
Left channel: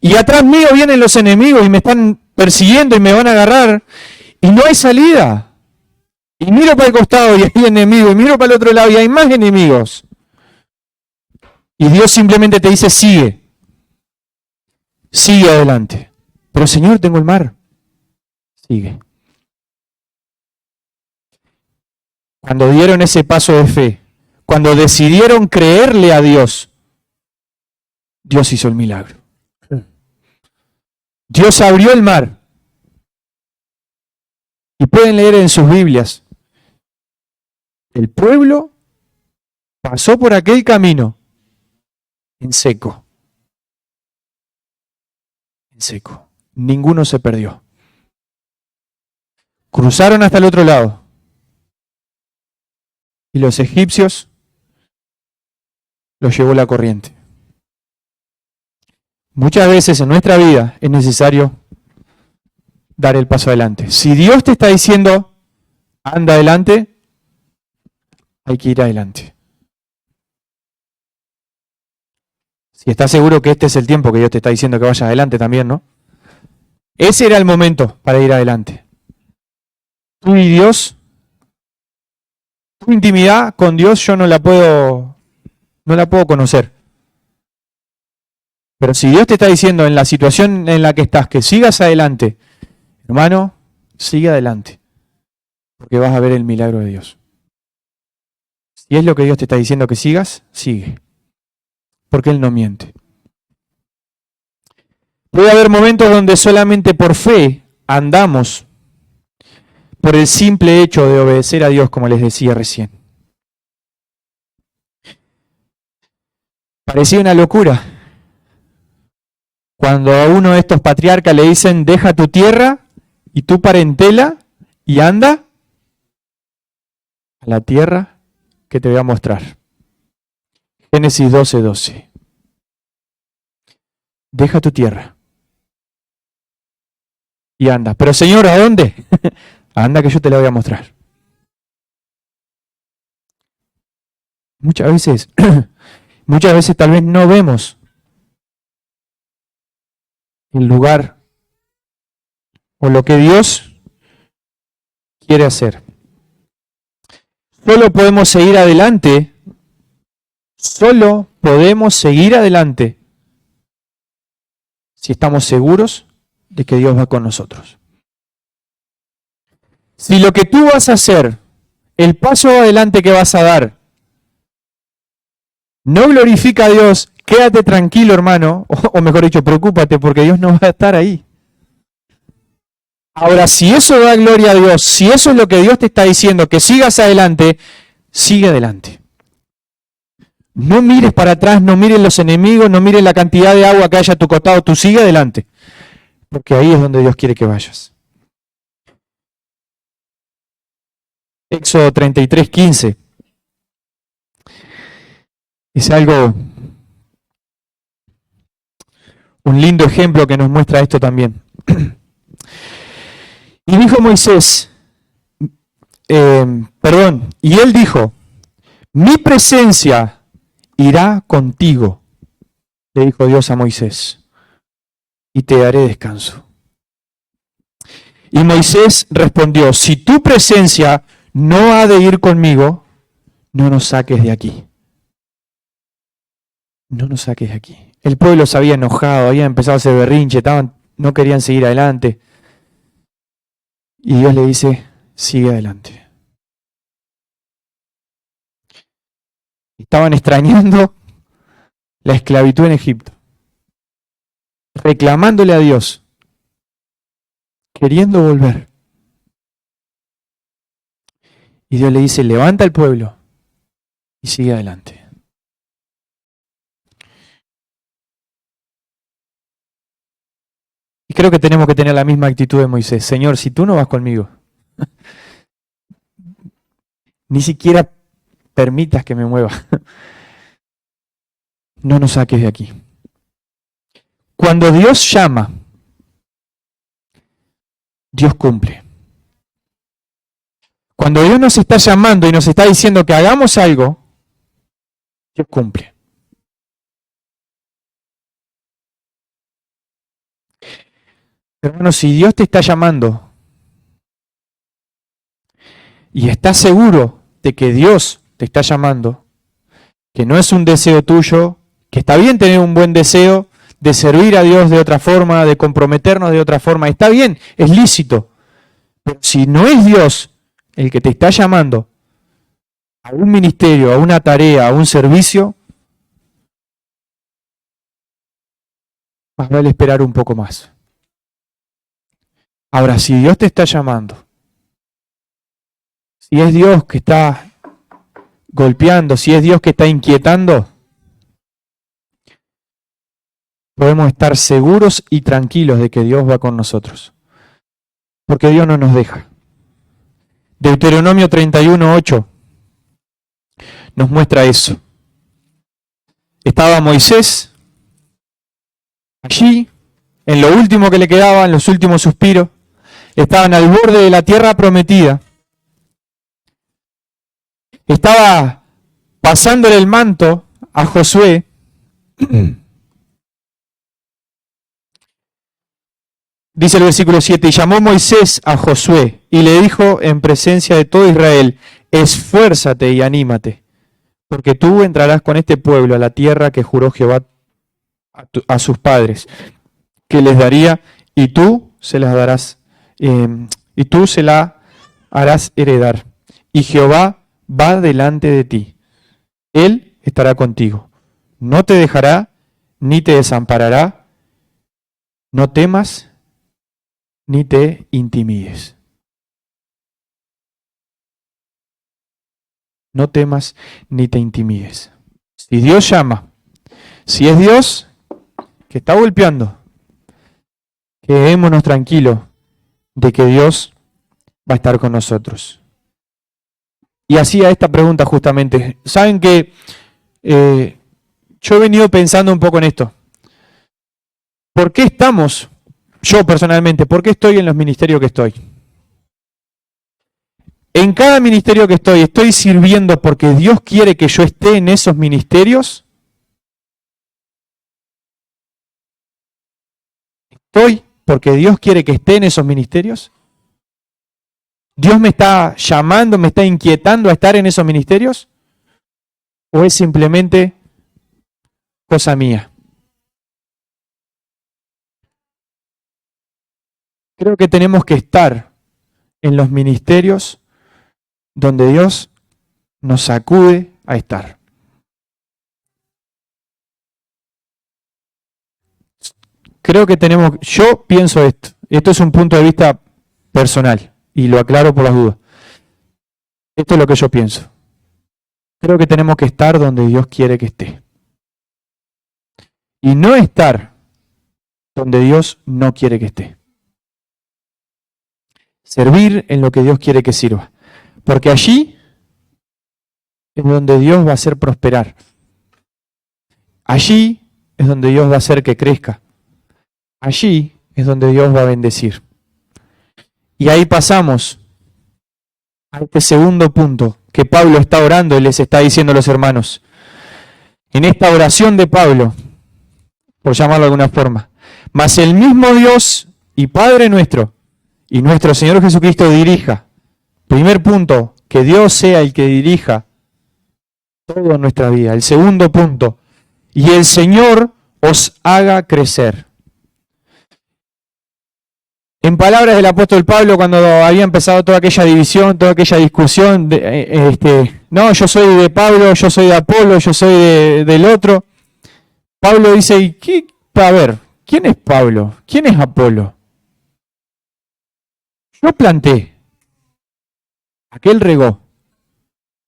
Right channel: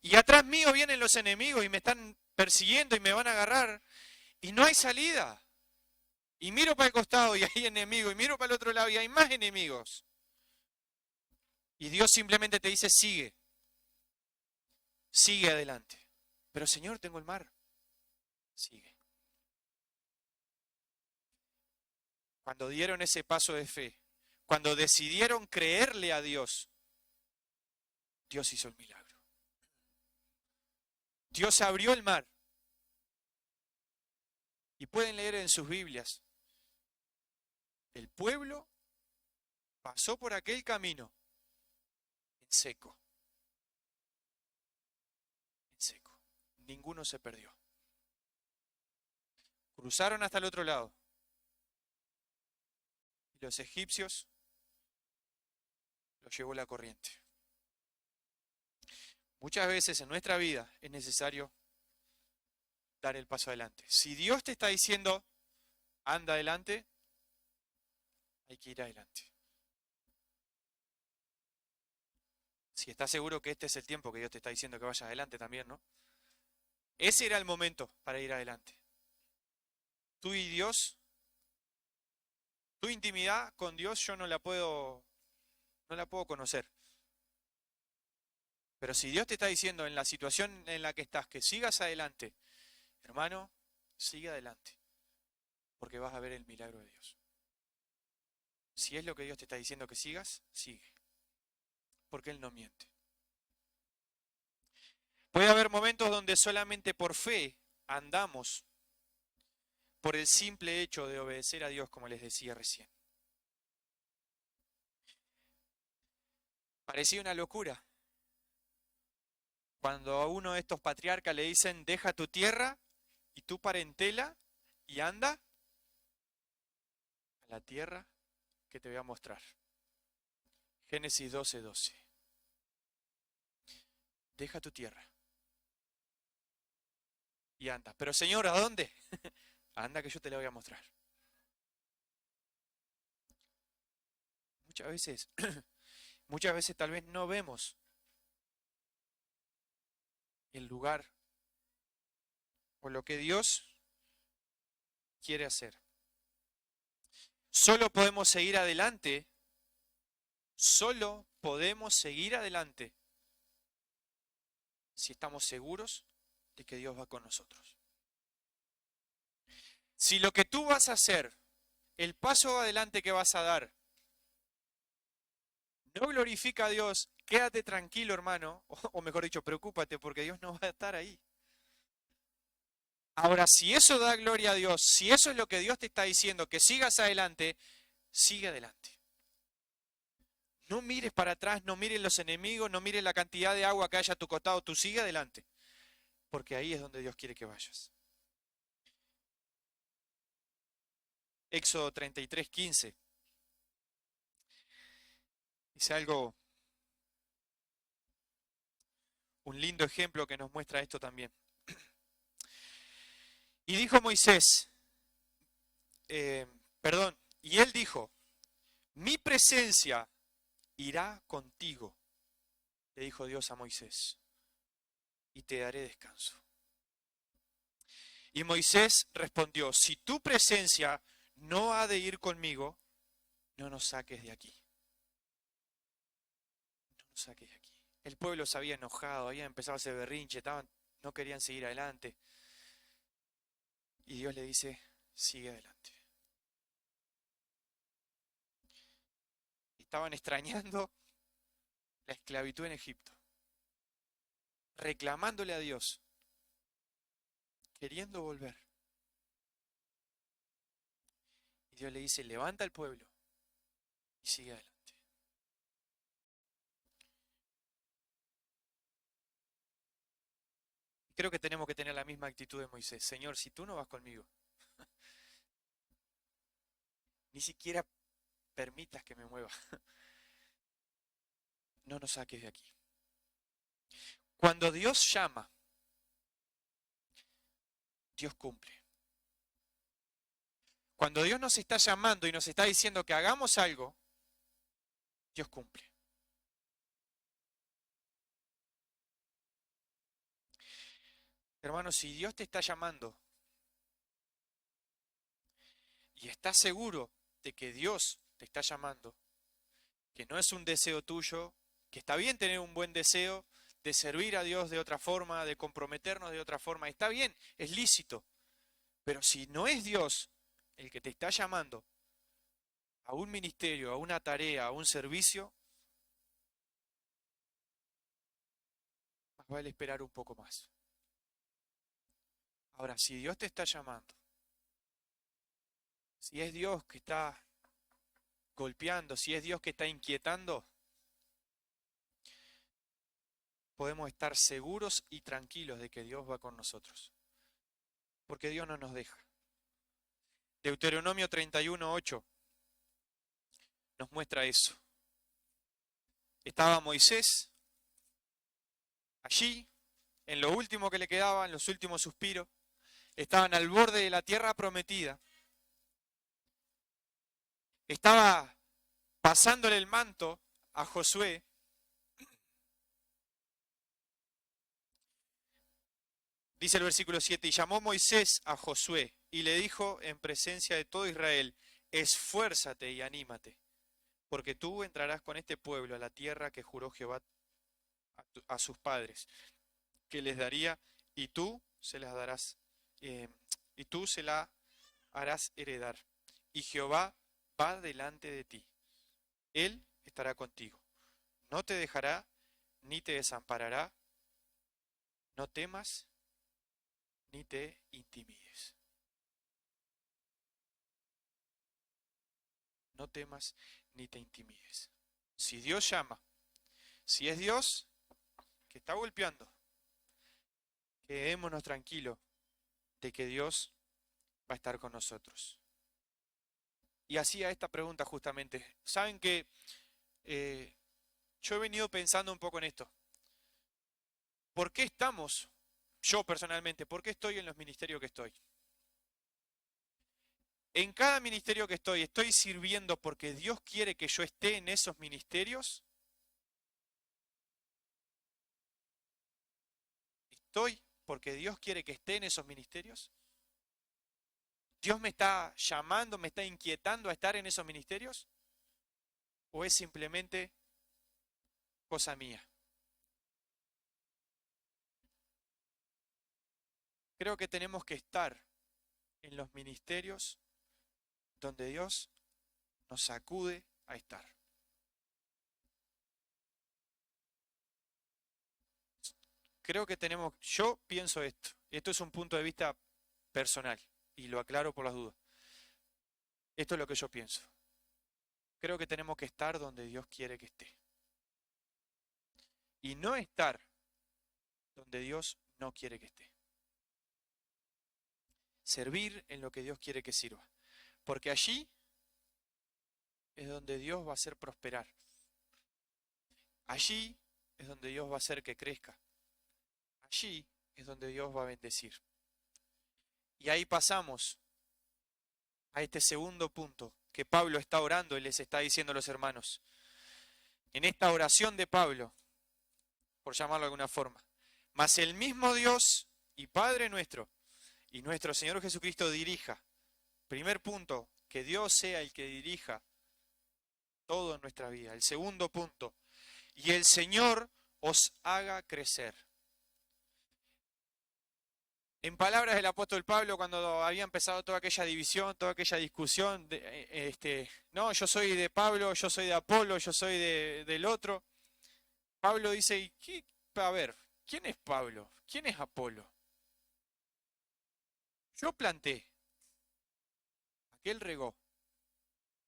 Y atrás mío vienen los enemigos y me están persiguiendo y me van a agarrar. Y no hay salida. Y miro para el costado y hay enemigos. Y miro para el otro lado y hay más enemigos. Y Dios simplemente te dice, sigue. Sigue adelante. Pero Señor, tengo el mar. Sigue. Cuando dieron ese paso de fe, cuando decidieron creerle a Dios, Dios hizo el milagro. Dios abrió el mar. Y pueden leer en sus Biblias. El pueblo pasó por aquel camino en seco. En seco. Ninguno se perdió. Cruzaron hasta el otro lado. Y los egipcios los llevó la corriente. Muchas veces en nuestra vida es necesario dar el paso adelante. Si Dios te está diciendo, anda adelante, hay que ir adelante. Si estás seguro que este es el tiempo que Dios te está diciendo que vayas adelante también, ¿no? Ese era el momento para ir adelante. Tú y Dios, tu intimidad con Dios yo no la puedo conocer. Pero si Dios te está diciendo en la situación en la que estás que sigas adelante, hermano, sigue adelante, porque vas a ver el milagro de Dios. Si es lo que Dios te está diciendo que sigas, sigue, porque Él no miente. Puede haber momentos donde solamente por fe andamos por el simple hecho de obedecer a Dios, como les decía recién. Parecía una locura cuando a uno de estos patriarcas le dicen, deja tu tierra y tu parentela y anda a la tierra que te voy a mostrar. Génesis 12:12. Deja tu tierra y anda. Pero Señor, ¿a dónde? Anda que yo te la voy a mostrar. Muchas veces tal vez no vemos el lugar o lo que Dios quiere hacer. Solo podemos seguir adelante si estamos seguros de que Dios va con nosotros. Si lo que tú vas a hacer, el paso adelante que vas a dar, no glorifica a Dios, quédate tranquilo, hermano, o mejor dicho, preocúpate porque Dios no va a estar ahí. Ahora, si eso da gloria a Dios, si eso es lo que Dios te está diciendo, que sigas adelante, sigue adelante. No mires para atrás, no mires los enemigos, no mires la cantidad de agua que haya a tu costado, tú sigue adelante, porque ahí es donde Dios quiere que vayas. Éxodo 33:15. Es un lindo ejemplo que nos muestra esto también. Y dijo Moisés, y él dijo, mi presencia irá contigo, le dijo Dios a Moisés, y te daré descanso. Y Moisés respondió, si tu presencia no ha de ir conmigo, no nos saques de aquí. No nos saques de aquí. El pueblo se había enojado, había empezado a hacer berrinche, no querían seguir adelante. Y Dios le dice, sigue adelante. Estaban extrañando la esclavitud en Egipto, reclamándole a Dios, queriendo volver. Y Dios le dice, levanta al pueblo y sigue adelante. Y creo que tenemos que tener la misma actitud de Moisés. Señor, si tú no vas conmigo, ni siquiera permitas que me mueva. No nos saques de aquí. Cuando Dios llama, Dios cumple. Cuando Dios nos está llamando y nos está diciendo que hagamos algo, Dios cumple. Hermano, si Dios te está llamando y estás seguro de que Dios te está llamando, que no es un deseo tuyo, que está bien tener un buen deseo de servir a Dios de otra forma, de comprometernos de otra forma, está bien, es lícito. Pero si no es Dios el que te está llamando a un ministerio, a una tarea, a un servicio, más vale esperar un poco más. Ahora, si Dios te está llamando, si es Dios que está golpeando, si es Dios que está inquietando, podemos estar seguros y tranquilos de que Dios va con nosotros. Porque Dios no nos deja. Deuteronomio 31:8 nos muestra eso. Estaba Moisés allí, en lo último que le quedaba, en los últimos suspiros. Estaban al borde de la tierra prometida. Estaba pasándole el manto a Josué. Dice el versículo 7, y llamó Moisés a Josué y le dijo en presencia de todo Israel, esfuérzate y anímate, porque tú entrarás con este pueblo a la tierra que juró Jehová a sus padres, que les daría, y tú se las darás, y tú se la harás heredar. Y Jehová va delante de ti, Él estará contigo, no te dejará ni te desamparará, no temas ni te intimides. No temas ni te intimides. Si Dios llama, si es Dios que está golpeando, quedémonos tranquilos de que Dios va a estar con nosotros. Y hacía esta pregunta justamente. Saben que yo he venido pensando un poco en esto. ¿Por qué estamos, yo personalmente, por qué estoy en los ministerios que estoy? En cada ministerio que estoy sirviendo porque Dios quiere que yo esté en esos ministerios. ¿Estoy porque Dios quiere que esté en esos ministerios? ¿Dios me está llamando, me está inquietando a estar en esos ministerios? ¿O es simplemente cosa mía? Creo que tenemos que estar en los ministerios donde Dios nos sacude a estar. Creo que tenemos, yo pienso esto es un punto de vista personal y lo aclaro por las dudas. Esto es lo que yo pienso. Creo que tenemos que estar donde Dios quiere que esté. Y no estar donde Dios no quiere que esté. Servir en lo que Dios quiere que sirva. Porque allí es donde Dios va a hacer prosperar. Allí es donde Dios va a hacer que crezca. Allí es donde Dios va a bendecir. Y ahí pasamos a este segundo punto que Pablo está orando y les está diciendo a los hermanos. En esta oración de Pablo, por llamarlo de alguna forma, mas el mismo Dios y Padre nuestro y nuestro Señor Jesucristo dirija. Primer punto, que Dios sea el que dirija toda nuestra vida. El segundo punto, y el Señor os haga crecer. En palabras del apóstol Pablo, cuando había empezado toda aquella división, toda aquella discusión, no, yo soy de Pablo, yo soy de Apolo, yo soy del otro. Pablo dice, a ver, ¿quién es Pablo? ¿Quién es Apolo? Yo planté, aquel regó,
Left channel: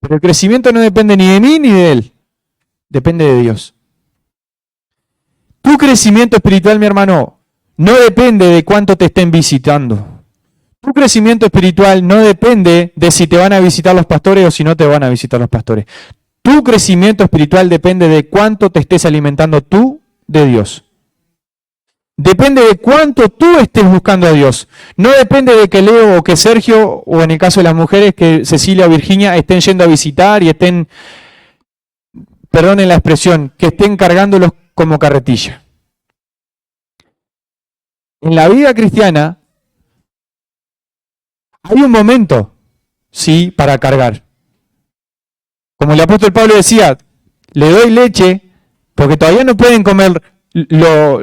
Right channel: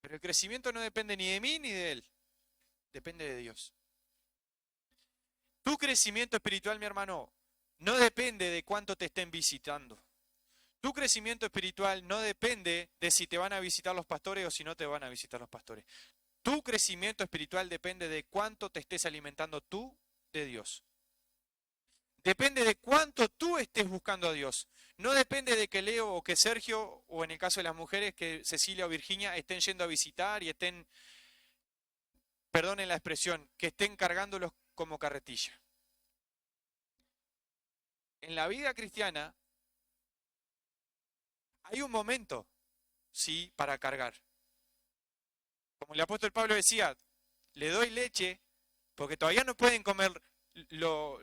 pero el crecimiento no depende ni de mí ni de él, depende de Dios. Tu crecimiento espiritual, mi hermano, no depende de cuánto te estén visitando. Tu crecimiento espiritual no depende de si te van a visitar los pastores o si no te van a visitar los pastores. Tu crecimiento espiritual depende de cuánto te estés alimentando tú de Dios. Depende de cuánto tú estés buscando a Dios. No depende de que Leo o que Sergio, o en el caso de las mujeres, que Cecilia o Virginia estén yendo a visitar y estén, perdonen la expresión, que estén cargándolos como carretilla. En la vida cristiana hay un momento, sí, para cargar. Como el apóstol Pablo decía, le doy leche porque todavía no pueden comer lo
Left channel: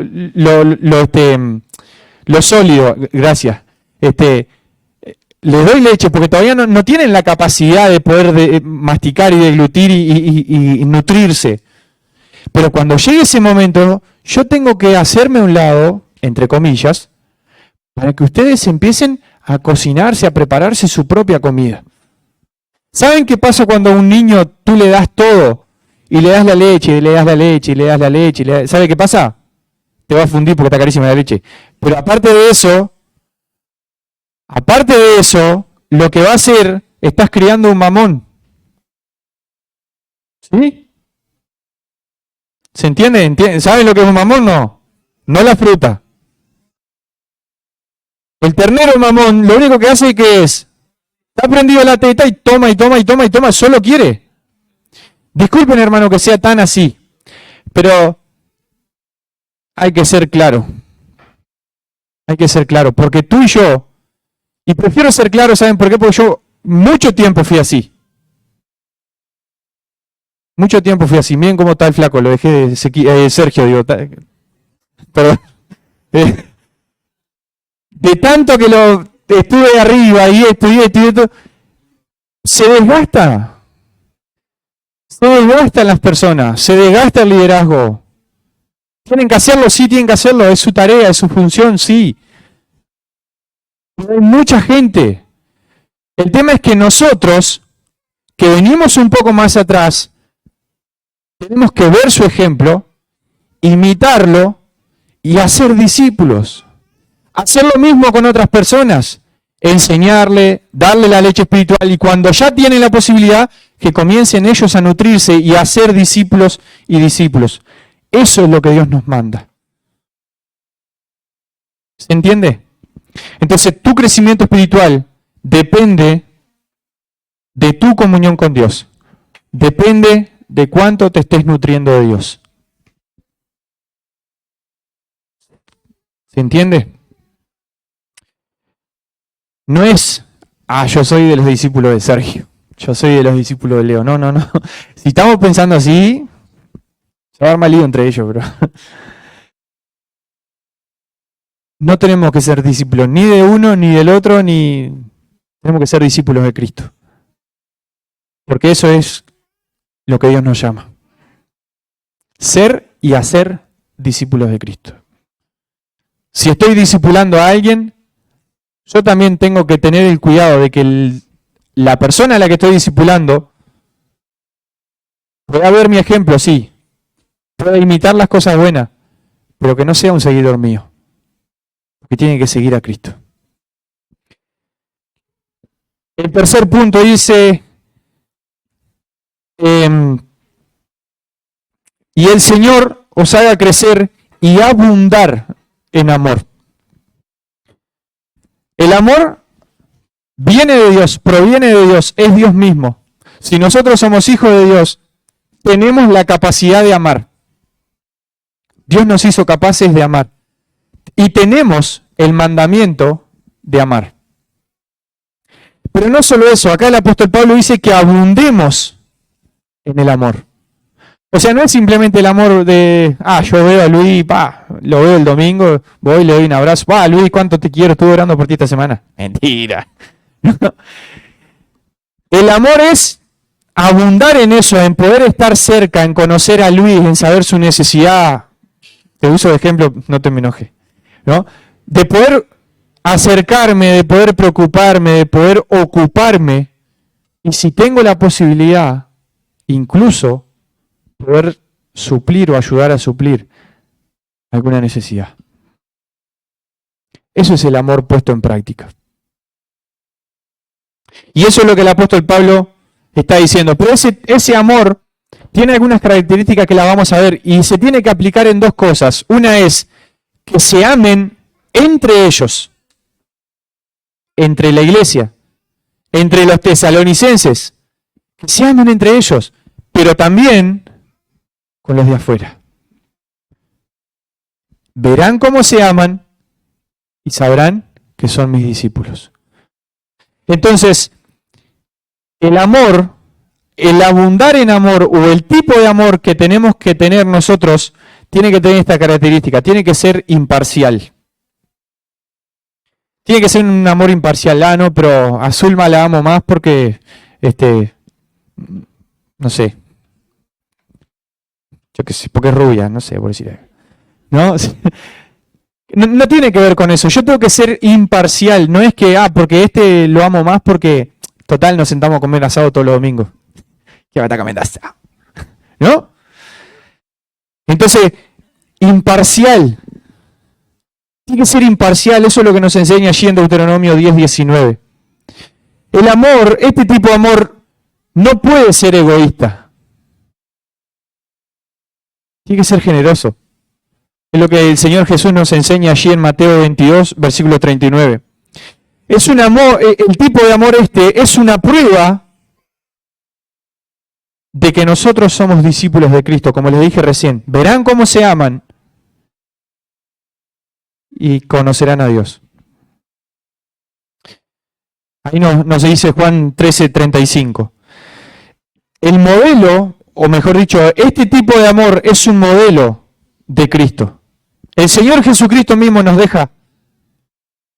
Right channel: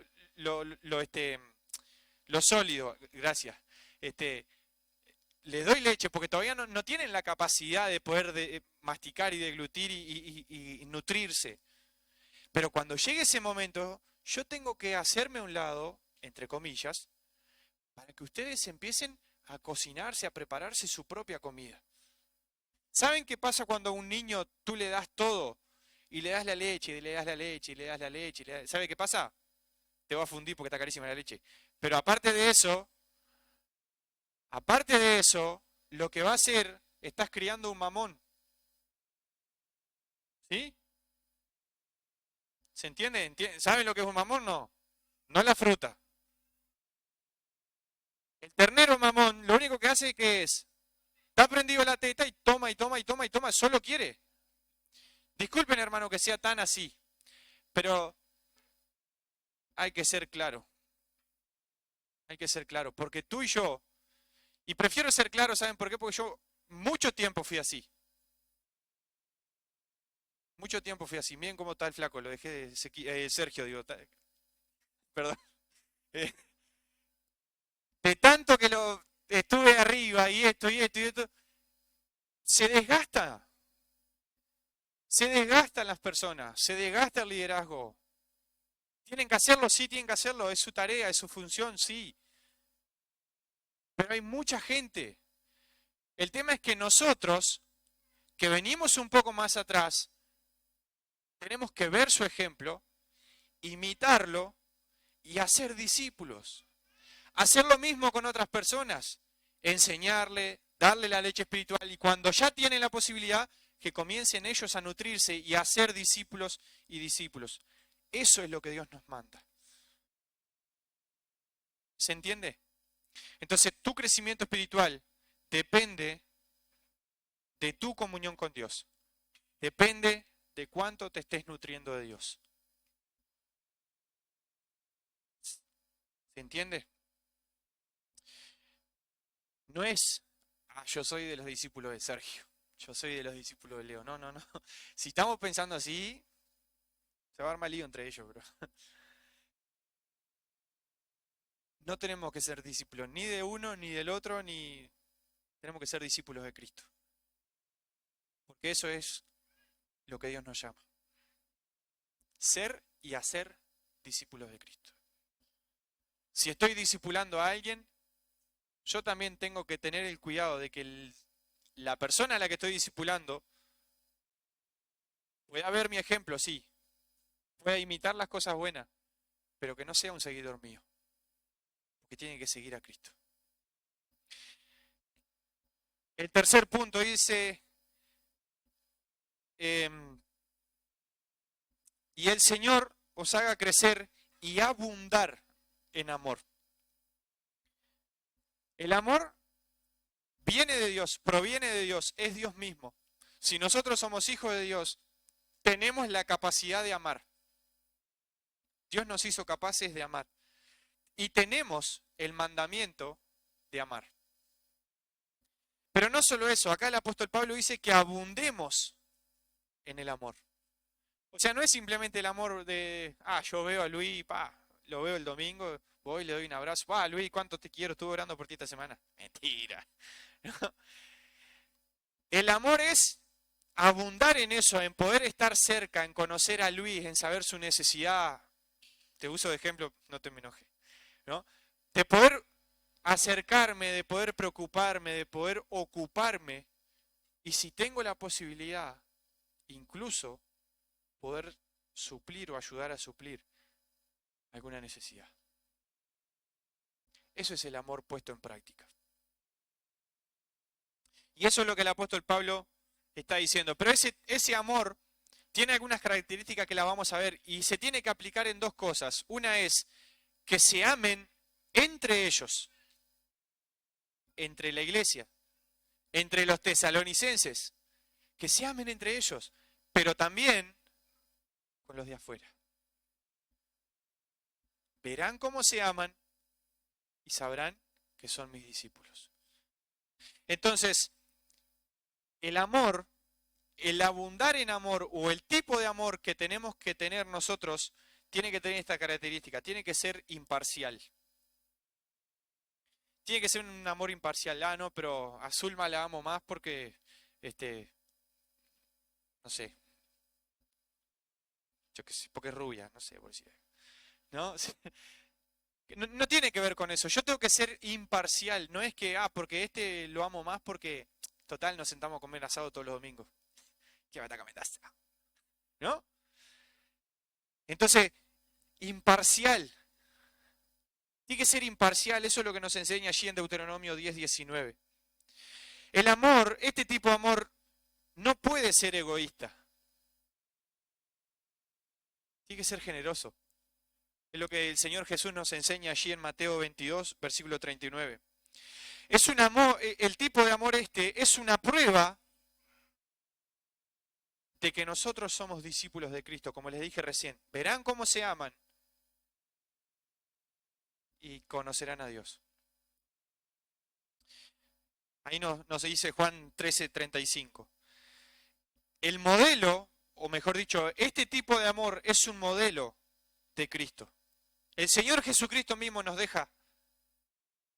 sólido, gracias. Les doy leche porque todavía no tienen la capacidad de poder masticar y deglutir y nutrirse. Pero cuando llegue ese momento, yo tengo que hacerme a un lado, entre comillas, para que ustedes empiecen a cocinarse, a prepararse su propia comida. ¿Saben qué pasa cuando a un niño tú le das todo y le das la leche, y le das la leche, y le das la leche? ¿Sabe qué pasa? Te va a fundir porque está carísima la leche. Pero aparte de eso, lo que va a hacer, estás criando un mamón. ¿Sí? ¿Se entiende? ¿Saben lo que es un mamón? No. No la fruta. El ternero mamón, lo único que hace que es, está prendido la teta y toma, y toma, y toma, y toma, solo quiere. Disculpen, hermano, que sea tan así, pero hay que ser claro. Hay que ser claro, porque tú y yo, y prefiero ser claro, ¿saben por qué? Porque yo mucho tiempo fui así. Mucho tiempo fui así. Miren cómo está el flaco, lo dejé de Sergio, digo. Perdón. De tanto que lo estuve arriba y estudié, se desgasta. Se desgastan las personas, se desgasta el liderazgo. ¿Tienen que hacerlo? Sí, tienen que hacerlo. Es su tarea, es su función, sí. Pero hay mucha gente. El tema es que nosotros, que venimos un poco más atrás, tenemos que ver su ejemplo, imitarlo y hacer discípulos. Hacer lo mismo con otras personas. Enseñarle, darle la leche espiritual y cuando ya tienen la posibilidad, que comiencen ellos a nutrirse y a ser discípulos y discípulos. Eso es lo que Dios nos manda. ¿Se entiende? Entonces, tu crecimiento espiritual depende de tu comunión con Dios. Depende de cuánto te estés nutriendo de Dios. ¿Se entiende? No es, yo soy de los discípulos de Sergio, yo soy de los discípulos de Leo. No. Si estamos pensando así, se va a armar lío entre ellos, pero no tenemos que ser discípulos ni de uno, ni del otro, ni tenemos que ser discípulos de Cristo. Porque eso es lo que Dios nos llama. Ser y hacer discípulos de Cristo. Si estoy discipulando a alguien, yo también tengo que tener el cuidado de que la persona a la que estoy discipulando pueda ver mi ejemplo, sí, pueda imitar las cosas buenas, pero que no sea un seguidor mío, porque tiene que seguir a Cristo. El tercer punto dice, y el Señor os haga crecer y abundar en amor. El amor viene de Dios, proviene de Dios, es Dios mismo. Si nosotros somos hijos de Dios, tenemos la capacidad de amar. Dios nos hizo capaces de amar. Y tenemos el mandamiento de amar. Pero no solo eso, acá el apóstol Pablo dice que abundemos en el amor. O sea, no es simplemente el amor de, yo veo a Luis, lo veo el domingo, voy, le doy un abrazo, Luis, cuánto te quiero, estuve orando por ti esta semana. Mentira. El amor es abundar en eso, en poder estar cerca, en conocer a Luis, en saber su necesidad. Te uso de ejemplo, no te me enojes, ¿no? De poder acercarme, de poder preocuparme, de poder ocuparme, y si tengo la posibilidad, incluso poder suplir o ayudar a suplir alguna necesidad. Eso es el amor puesto en práctica. Y eso es lo que el apóstol Pablo está diciendo. Pero ese amor tiene algunas características que la vamos a ver y se tiene que aplicar en dos cosas. Una es que se amen entre ellos, entre la iglesia, entre los tesalonicenses, que se amen entre ellos, pero también con los de afuera. Verán cómo se aman y sabrán que son mis discípulos. Entonces, el amor, el abundar en amor o el tipo de amor que tenemos que tener nosotros tiene que tener esta característica, tiene que ser imparcial. Tiene que ser un amor imparcial. Ah, no, pero a Zulma la amo más porque, no sé, yo qué sé, porque es rubia, no sé, por decir algo. ¿No? No tiene que ver con eso. Yo tengo que ser imparcial. No es que, porque lo amo más porque, total, nos sentamos a comer asado todos los domingos. ¿Qué va a estar comiendo asado? ¿No? Entonces, imparcial. Tiene que ser imparcial. Eso es lo que nos enseña allí en Deuteronomio 10:19. El amor, este tipo de amor, no puede ser egoísta. Tiene que ser generoso. Es lo que el Señor Jesús nos enseña allí en Mateo 22, versículo 39. Es un amor, el tipo de amor es una prueba de que nosotros somos discípulos de Cristo, como les dije recién. Verán cómo se aman y conocerán a Dios. Ahí nos dice Juan 13:35. El modelo, o mejor dicho, este tipo de amor es un modelo de Cristo. El Señor Jesucristo mismo nos deja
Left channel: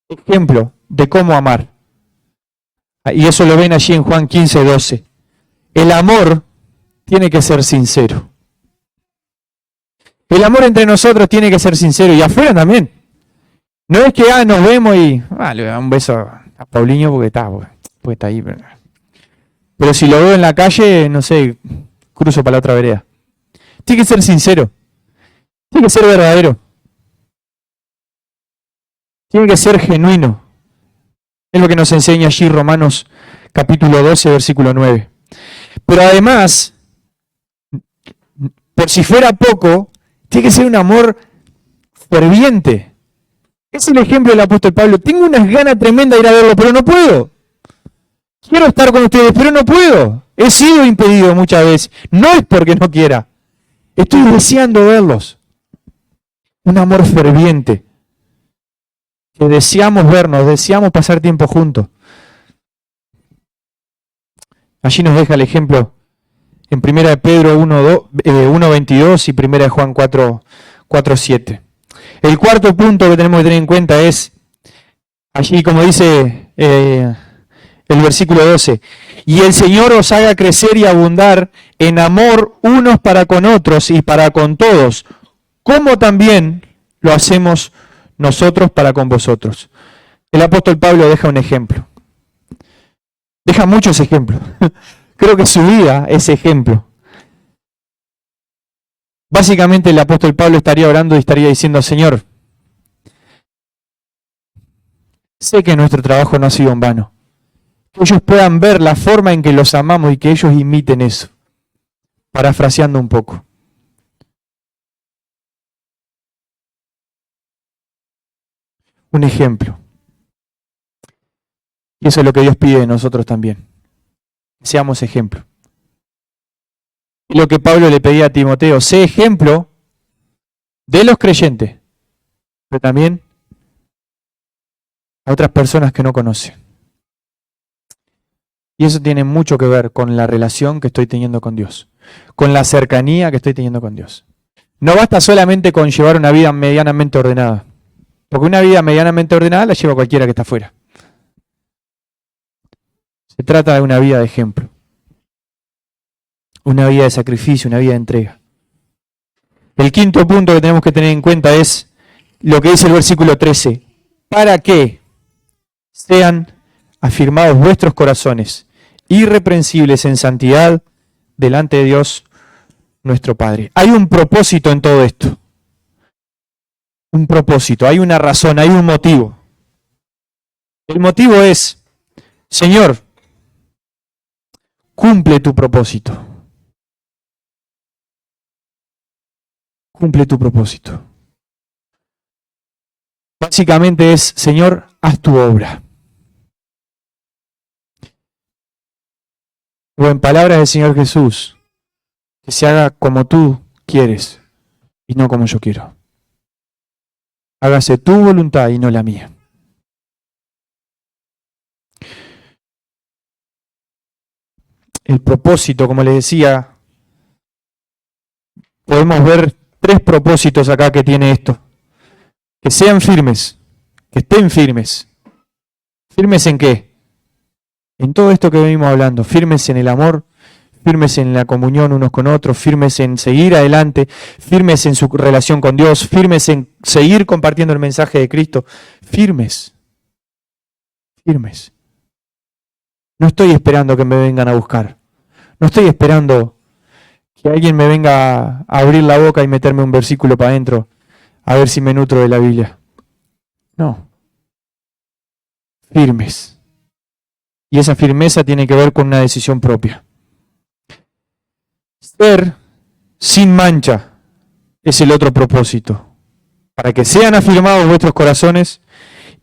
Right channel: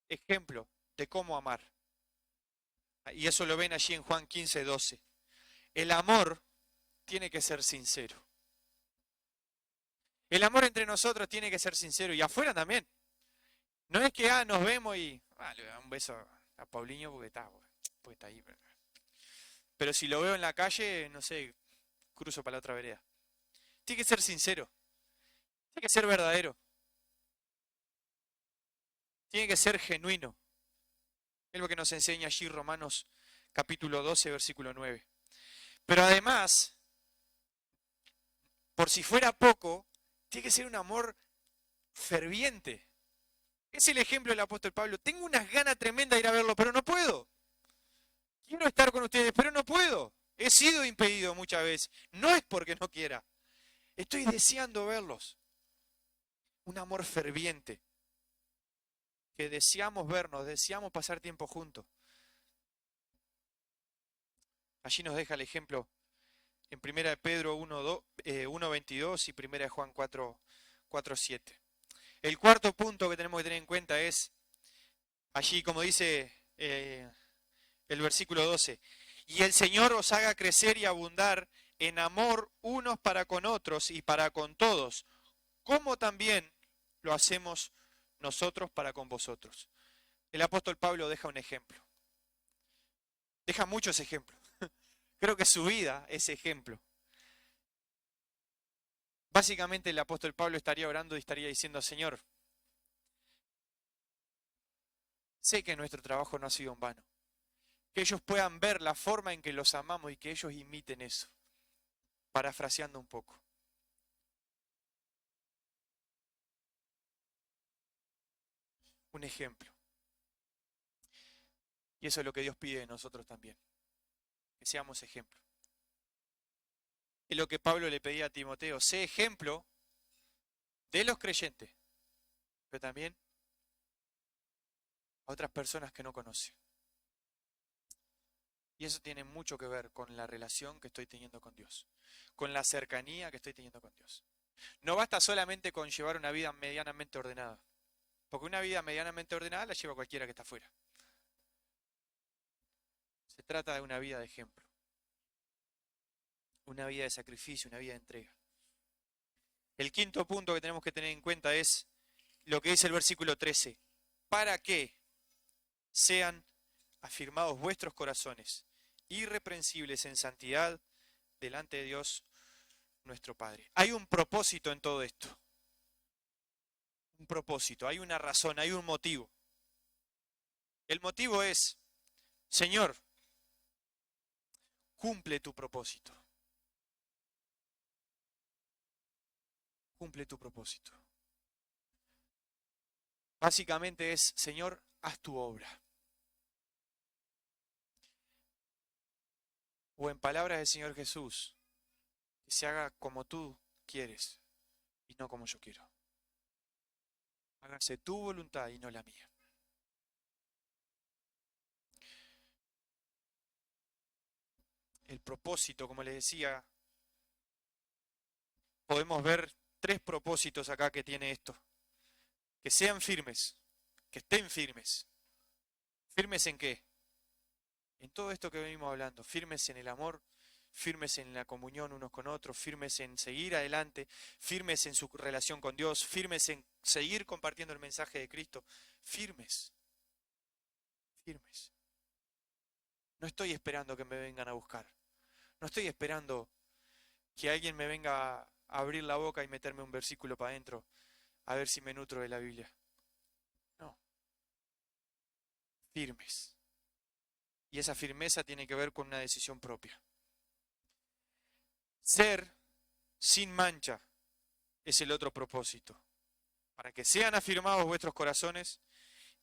ejemplo de cómo amar. Y eso lo ven allí en Juan 15:12. El amor tiene que ser sincero. El amor entre nosotros tiene que ser sincero y afuera también. No es que nos vemos y le doy un beso a Paulinho porque está ahí. Pero si lo veo en la calle, no sé, cruzo para la otra vereda. Tiene que ser sincero. Tiene que ser verdadero. Tiene que ser genuino. Es lo que nos enseña allí Romanos capítulo 12, versículo 9. Pero además, por si fuera poco, tiene que ser un amor ferviente. Es el ejemplo del apóstol Pablo. Tengo unas ganas tremendas de ir a verlo, pero no puedo. Quiero estar con ustedes, pero no puedo. He sido impedido muchas veces. No es porque no quiera. Estoy deseando verlos. Un amor ferviente. Que deseamos vernos, deseamos pasar tiempo juntos. Allí nos deja el ejemplo en 1 de Pedro 1:22 y 1 de Juan 4:7. El cuarto punto que tenemos que tener en cuenta es, allí como dice el versículo 12, y el Señor os haga crecer y abundar en amor unos para con otros y para con todos, como también lo hacemos nosotros para con vosotros. El apóstol Pablo deja un ejemplo. Deja muchos ejemplos. Creo que su vida es ejemplo. Básicamente el apóstol Pablo estaría orando y estaría diciendo, Señor, sé que nuestro trabajo no ha sido en vano. Que ellos puedan ver la forma en que los amamos y que ellos imiten eso. Parafraseando un poco. Un ejemplo. Y eso es lo que Dios pide de nosotros también. Que seamos ejemplo. Y lo que Pablo le pedía a Timoteo, sé ejemplo de los creyentes, pero también a otras personas que no conocen. Y eso tiene mucho que ver con la relación que estoy teniendo con Dios, con la cercanía que estoy teniendo con Dios. No basta solamente con llevar una vida medianamente ordenada, porque una vida medianamente ordenada la lleva cualquiera que está afuera. Se trata de una vida de ejemplo, una vida de sacrificio, una vida de entrega. El quinto punto que tenemos que tener en cuenta es lo que dice el versículo 13. Para que sean afirmados vuestros corazones, irreprensibles en santidad delante de Dios nuestro Padre. Hay un propósito en todo esto. Un propósito, hay una razón, hay un motivo. El motivo es, Señor, cumple tu propósito. Cumple tu propósito. Básicamente es, Señor, haz tu obra. O en palabras del Señor Jesús, que se haga como tú quieres y no como yo quiero. Hágase tu voluntad y no la mía. El propósito, como les decía, podemos ver 3 propósitos acá que tiene esto. Que sean firmes, que estén firmes. ¿Firmes en qué? En todo esto que venimos hablando. Firmes en el amor, firmes en la comunión unos con otros, firmes en seguir adelante, firmes en su relación con Dios, firmes en seguir compartiendo el mensaje de Cristo. Firmes, firmes. No estoy esperando que me vengan a buscar. No estoy esperando que alguien me venga a abrir la boca y meterme un versículo para adentro, a ver si me nutro de la Biblia. No. Firmes. Y esa firmeza tiene que ver con una decisión propia. Ser sin mancha es el otro propósito. Para que sean afirmados vuestros corazones,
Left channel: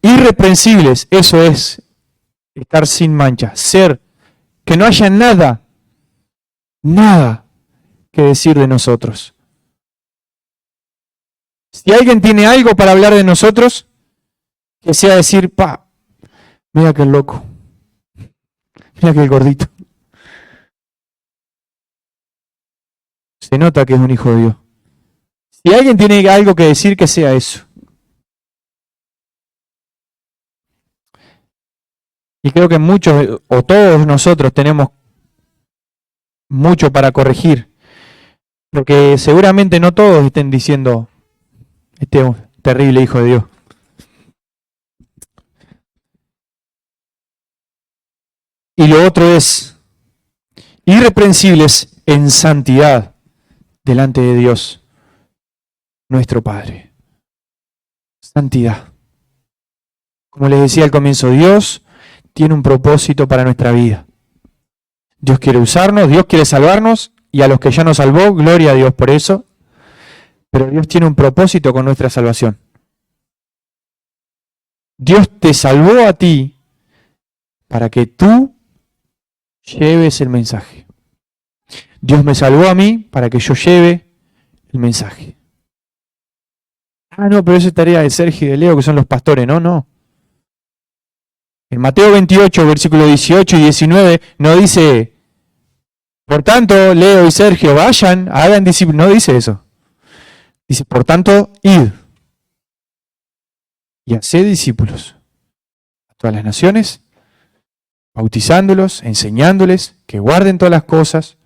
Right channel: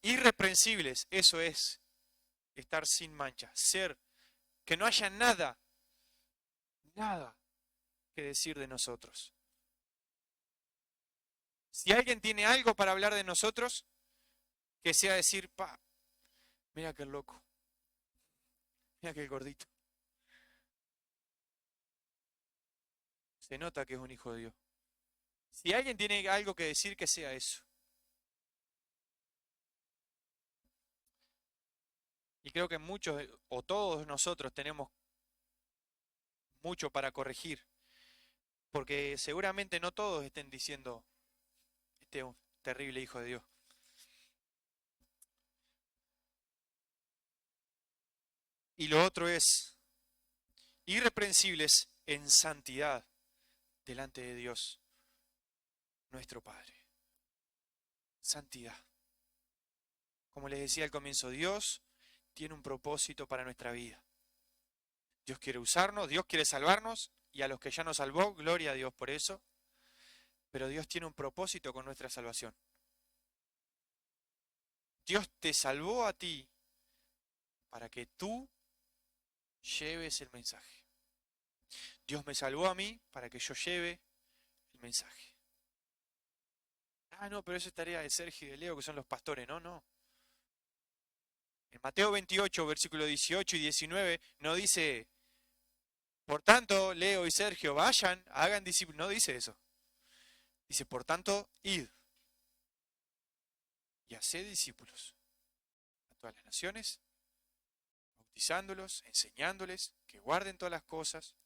irreprensibles, eso es estar sin mancha. Ser, que no haya nada que decir de nosotros. Si alguien tiene algo para hablar de nosotros, que sea decir, mira que el loco, mira que el gordito. Se nota que es un hijo de Dios. Si alguien tiene algo que decir, que sea eso. Y creo que muchos o todos nosotros tenemos mucho para corregir. Porque seguramente no todos estén diciendo, este es un terrible hijo de Dios. Y lo otro es irreprensibles en santidad delante de Dios, nuestro Padre. Santidad. Como les decía al comienzo, Dios tiene un propósito para nuestra vida. Dios quiere usarnos, Dios quiere salvarnos, y a los que ya nos salvó, gloria a Dios por eso. Pero Dios tiene un propósito con nuestra salvación. Dios te salvó a ti para que tú lleves el mensaje. Dios me salvó a mí para que yo lleve el mensaje. No, pero esa es tarea de Sergio y de Leo, que son los pastores. No. En Mateo 28, versículos 18 y 19, no dice, por tanto, Leo y Sergio, vayan, hagan discípulos. No dice eso. Dice, por tanto, id y haced discípulos a todas las naciones, bautizándolos, enseñándoles que guarden todas las cosas,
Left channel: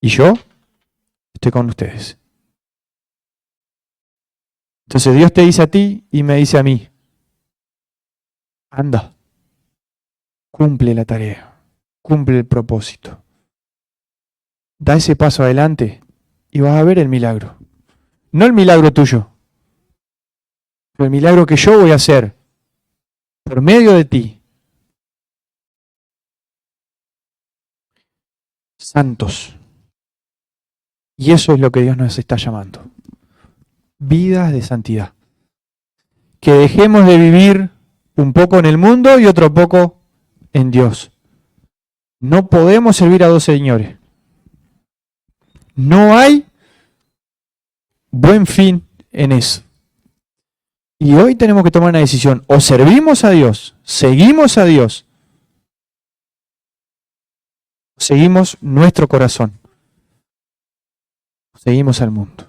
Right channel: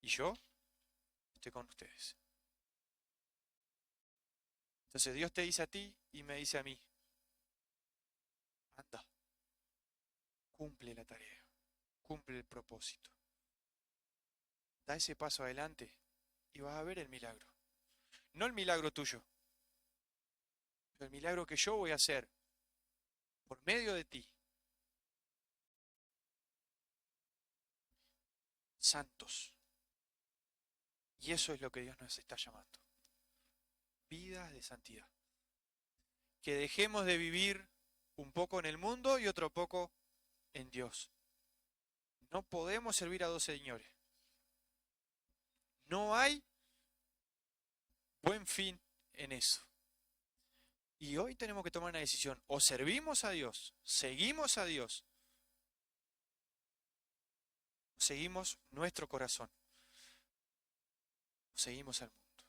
y yo estoy con ustedes. Entonces Dios te dice a ti y me dice a mí, anda, cumple la tarea, cumple el propósito. Da ese paso adelante y vas a ver el milagro. No el milagro tuyo, pero el milagro que yo voy a hacer por medio de ti. Santos. Y eso es lo que Dios nos está llamando. Vidas de santidad. Que dejemos de vivir un poco en el mundo y otro poco en Dios. No podemos servir a 2 señores. No hay buen fin en eso. Y hoy tenemos que tomar una decisión. O servimos a Dios, seguimos a Dios, o seguimos nuestro corazón, o seguimos al mundo.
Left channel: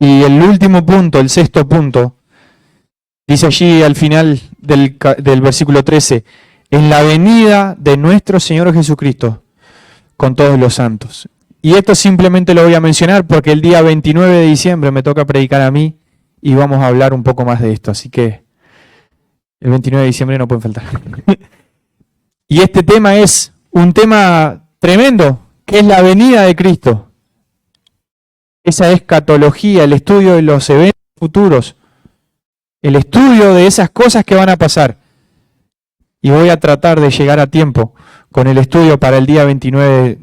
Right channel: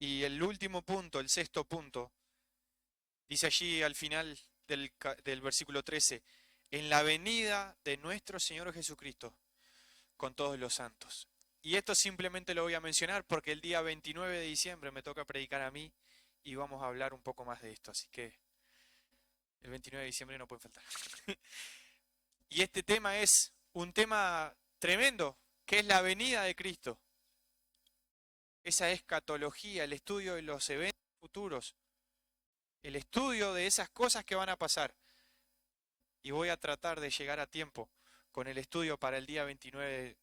Y el último punto, el 6º punto, dice allí al final del versículo 13, en la venida de nuestro Señor Jesucristo con todos los santos. Y esto simplemente lo voy a mencionar porque el día 29 de diciembre me toca predicar a mí y vamos a hablar un poco más de esto. Así que el 29 de diciembre no pueden faltar. Y este tema es un tema tremendo, que es la venida de Cristo. Esa escatología, el estudio de los eventos futuros, el estudio de esas cosas que van a pasar. Y voy a tratar de llegar a tiempo con el estudio para el día 29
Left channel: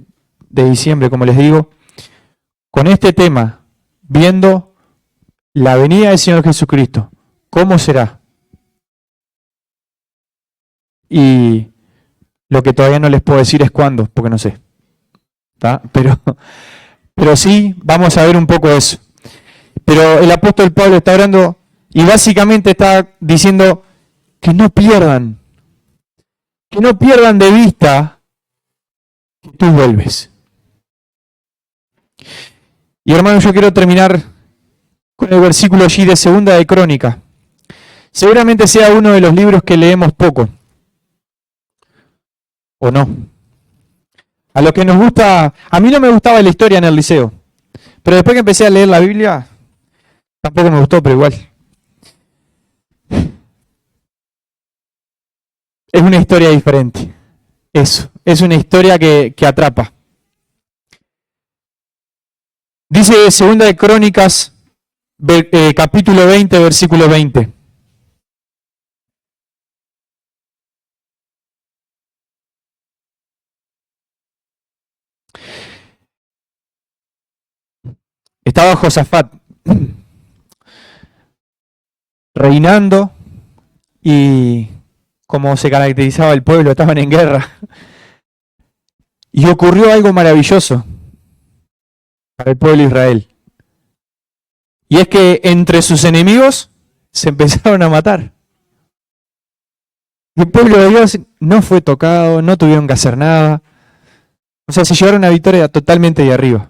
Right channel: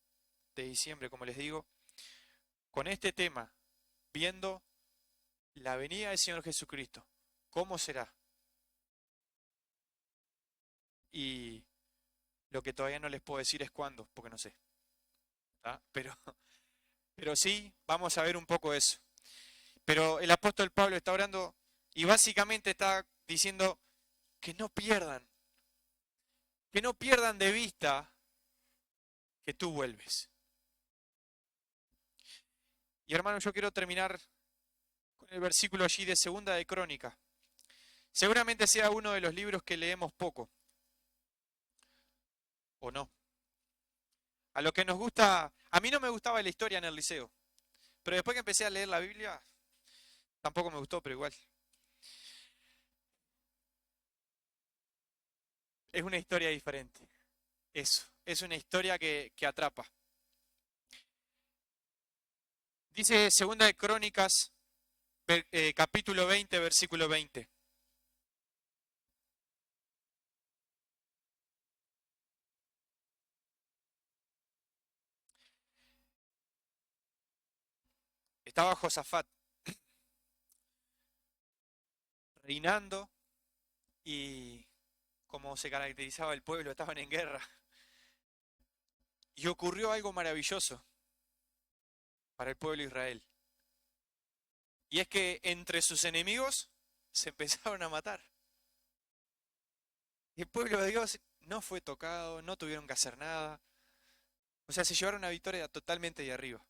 de diciembre, como les digo, con este tema, viendo la venida del Señor Jesucristo. ¿Cómo será? Y lo que todavía no les puedo decir es cuándo, porque no sé. ¿Tá? Pero sí, vamos a ver un poco eso. Pero el apóstol Pablo está orando y básicamente está diciendo que no pierdan de vista que tú vuelves. Y hermano, yo quiero terminar con el versículo allí de Segunda de Crónica. Seguramente sea uno de los libros que leemos poco, ¿o no? A los que nos gusta, a mí no me gustaba la historia en el liceo, pero después que empecé a leer la Biblia, tampoco me gustó, pero igual. Es una historia diferente. Eso, es una historia que atrapa. Dice Segunda de Crónicas, capítulo 20, versículo 20. Estaba Josafat reinando y como se caracterizaba el pueblo, estaban en guerra. Y ocurrió algo maravilloso para el pueblo de Israel. Y es que entre sus enemigos se empezaron a matar. Y el pueblo de Dios no fue tocado, no tuvieron que hacer nada. O sea, se llevaron una victoria totalmente de arriba.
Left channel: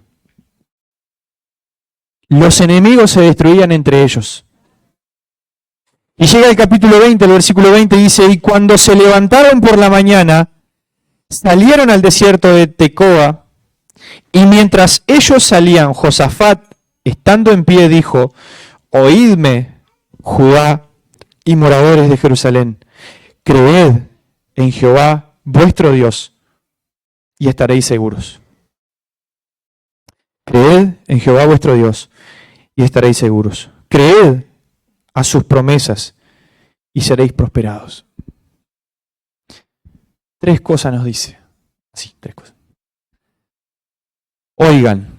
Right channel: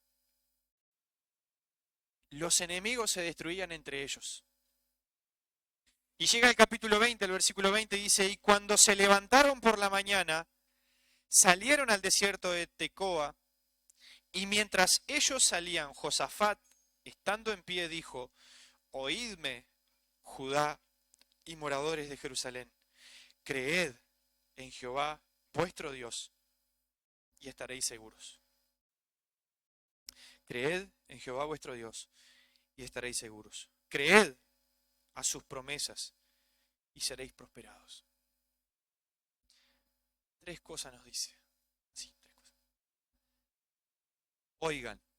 Los enemigos se destruían entre ellos. Y llega el capítulo 20, el versículo 20 dice, y cuando se levantaron por la mañana, salieron al desierto de Tecoa, y mientras ellos salían, Josafat, estando en pie, dijo, oídme, Judá y moradores de Jerusalén, creed en Jehová vuestro Dios, y estaréis seguros. Creed en Jehová vuestro Dios, y estaréis seguros. Creed a sus promesas, y seréis prosperados. Tres cosas nos dice. Sí, tres cosas. Oigan,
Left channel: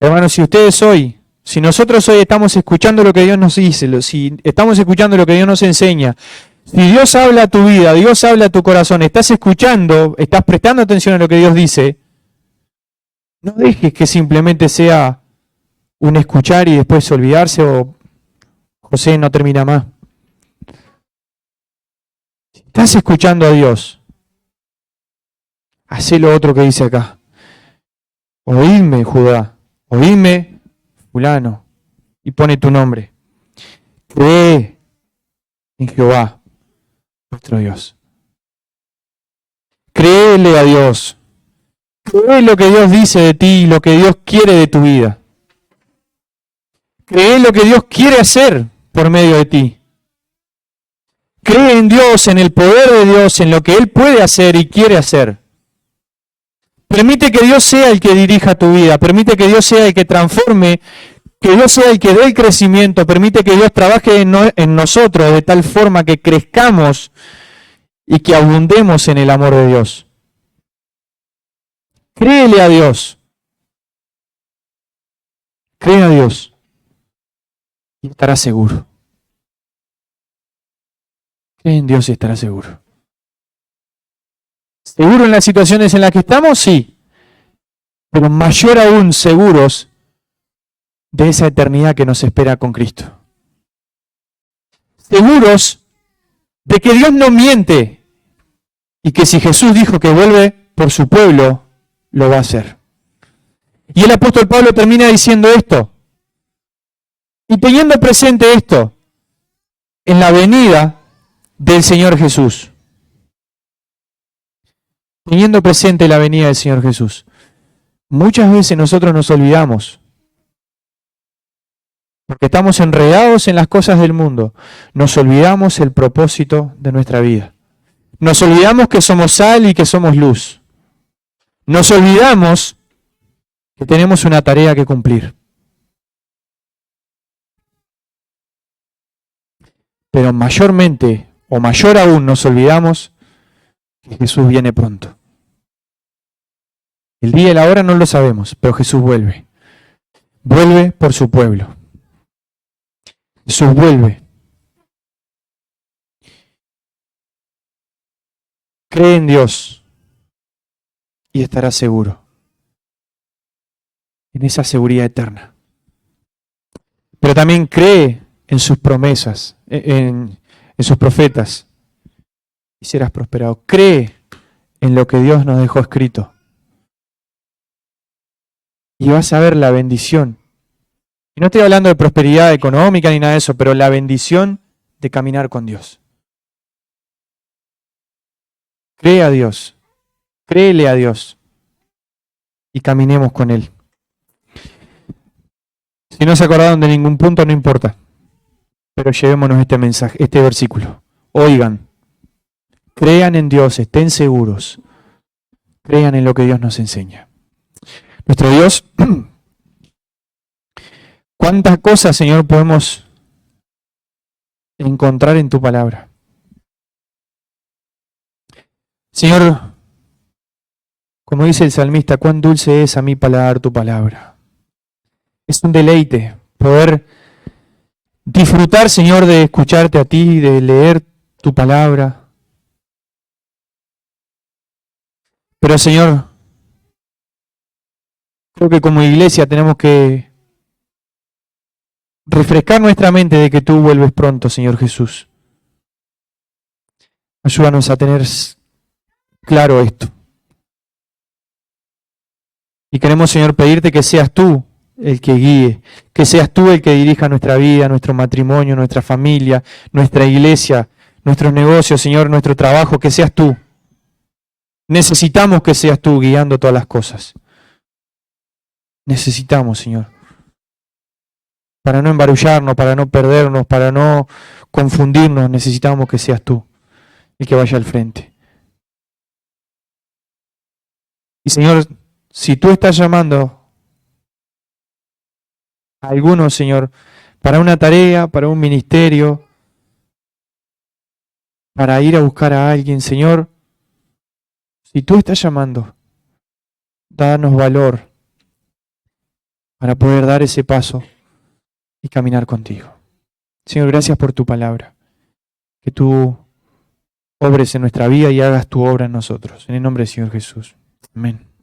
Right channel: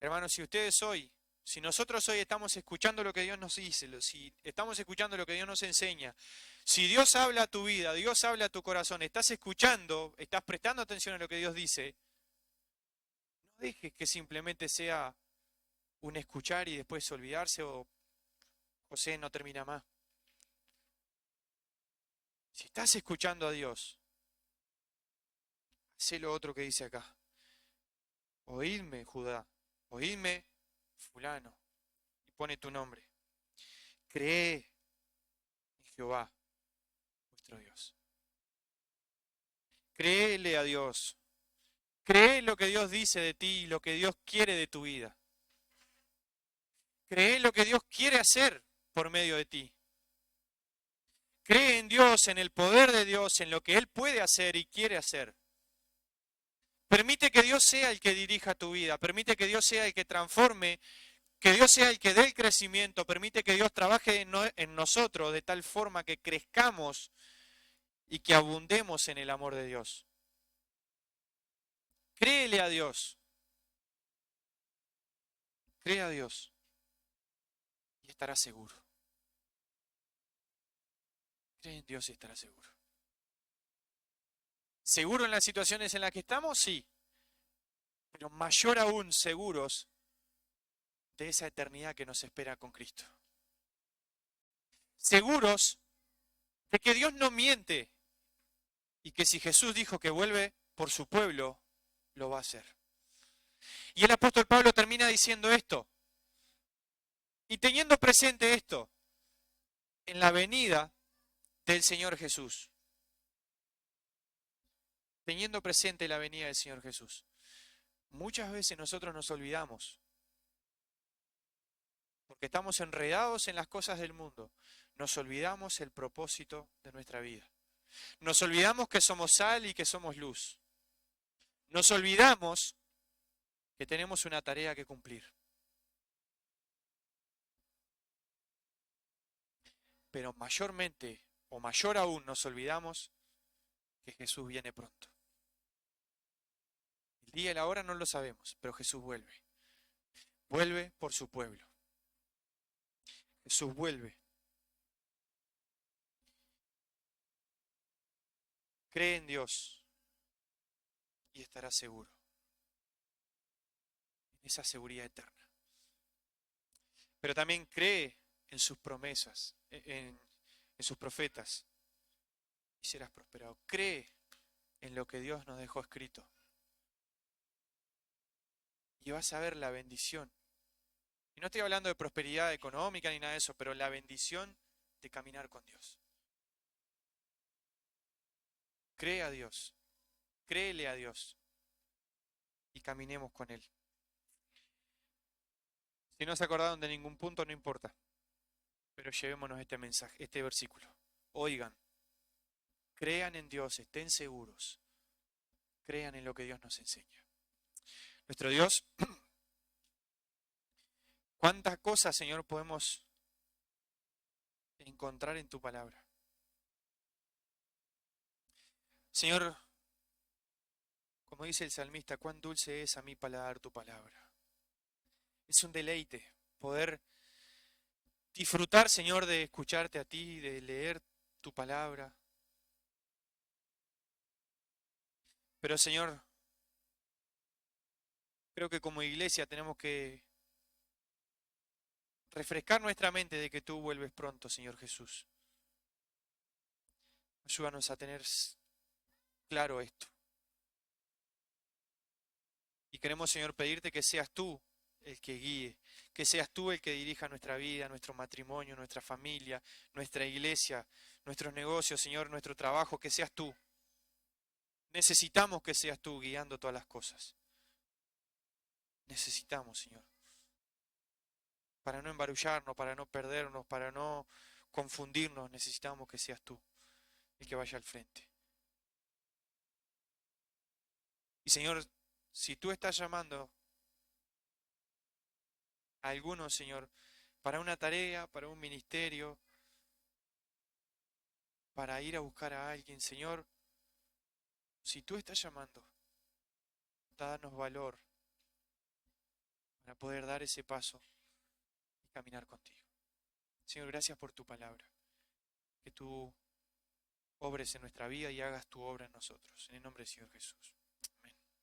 hermanos, si nosotros hoy estamos escuchando lo que Dios nos dice, si estamos escuchando lo que Dios nos enseña, si Dios habla a tu vida, Dios habla a tu corazón, estás escuchando, estás prestando atención a lo que Dios dice, no dejes que simplemente sea un escuchar y después olvidarse o José no termina más. Si estás escuchando a Dios, hacé lo otro que dice acá. Oídme, Judá, oídme, fulano, y pone tu nombre. Cree en Jehová, nuestro Dios. Créele a Dios. Cree lo que Dios dice de ti y lo que Dios quiere de tu vida. Cree lo que Dios quiere hacer por medio de ti. Cree en Dios, en el poder de Dios, en lo que Él puede hacer y quiere hacer. Permite que Dios sea el que dirija tu vida. Permite que Dios sea el que transforme, que Dios sea el que dé el crecimiento. Permite que Dios trabaje en nosotros de tal forma que crezcamos y que abundemos en el amor de Dios. Créele a Dios. Cree a Dios y estarás seguro. Cree en Dios y estarás seguro. ¿Seguro en las situaciones en las que estamos? Sí. Pero mayor aún seguros de esa eternidad que nos espera con Cristo. Seguros de que Dios no miente y que si Jesús dijo que vuelve por su pueblo, lo va a hacer. Y el apóstol Pablo termina diciendo esto. Y teniendo presente esto, en la venida del Señor Jesús. Teniendo presente la venida del Señor Jesús. Muchas veces nosotros nos olvidamos, porque estamos enredados en las cosas del mundo, nos olvidamos el propósito de nuestra vida. Nos olvidamos que somos sal y que somos luz. Nos olvidamos que tenemos una tarea que cumplir. Pero mayormente, o mayor aún, nos olvidamos que Jesús viene pronto. El día y la hora no lo sabemos, pero Jesús vuelve. Vuelve por su pueblo. Jesús vuelve. Cree en Dios y estarás seguro. en esa seguridad eterna. Pero también cree en sus promesas, en sus profetas, y serás prosperado. Cree en lo que Dios nos dejó escrito. Y vas a ver la bendición. Y no estoy hablando de prosperidad económica ni nada de eso, pero la bendición de caminar con Dios. Cree a Dios, créele a Dios y caminemos con Él. Si no se acordaron de ningún punto, no importa, pero llevémonos este mensaje, este versículo. Oigan, crean en Dios, estén seguros, crean en lo que Dios nos enseña. Nuestro Dios, ¿cuántas cosas, Señor, podemos encontrar en tu palabra? Señor, como dice el salmista, cuán dulce es a mi paladar tu palabra. Es un deleite poder disfrutar, Señor, de escucharte a ti, de leer tu palabra. Pero, Señor, creo que como iglesia tenemos que refrescar nuestra mente de que tú vuelves pronto, Señor Jesús. Ayúdanos a tener claro esto. Y queremos, Señor, pedirte que seas tú el que guíe, que seas tú el que dirija nuestra vida, nuestro matrimonio, nuestra familia, nuestra iglesia, nuestros negocios, Señor, nuestro trabajo, que seas tú. Necesitamos que seas tú guiando todas las cosas. Necesitamos, Señor. Para no embarullarnos, para no perdernos, para no confundirnos, necesitamos que seas tú el que vaya al frente. Y Señor, si tú estás llamando a algunos, Señor, para una tarea, para un ministerio, para ir a buscar a alguien, Señor, si tú estás llamando, danos valor para poder dar ese paso y caminar contigo. Señor, gracias por tu palabra. Que tú obres en nuestra vida y hagas tu obra en nosotros. En el nombre del Señor Jesús. Amén.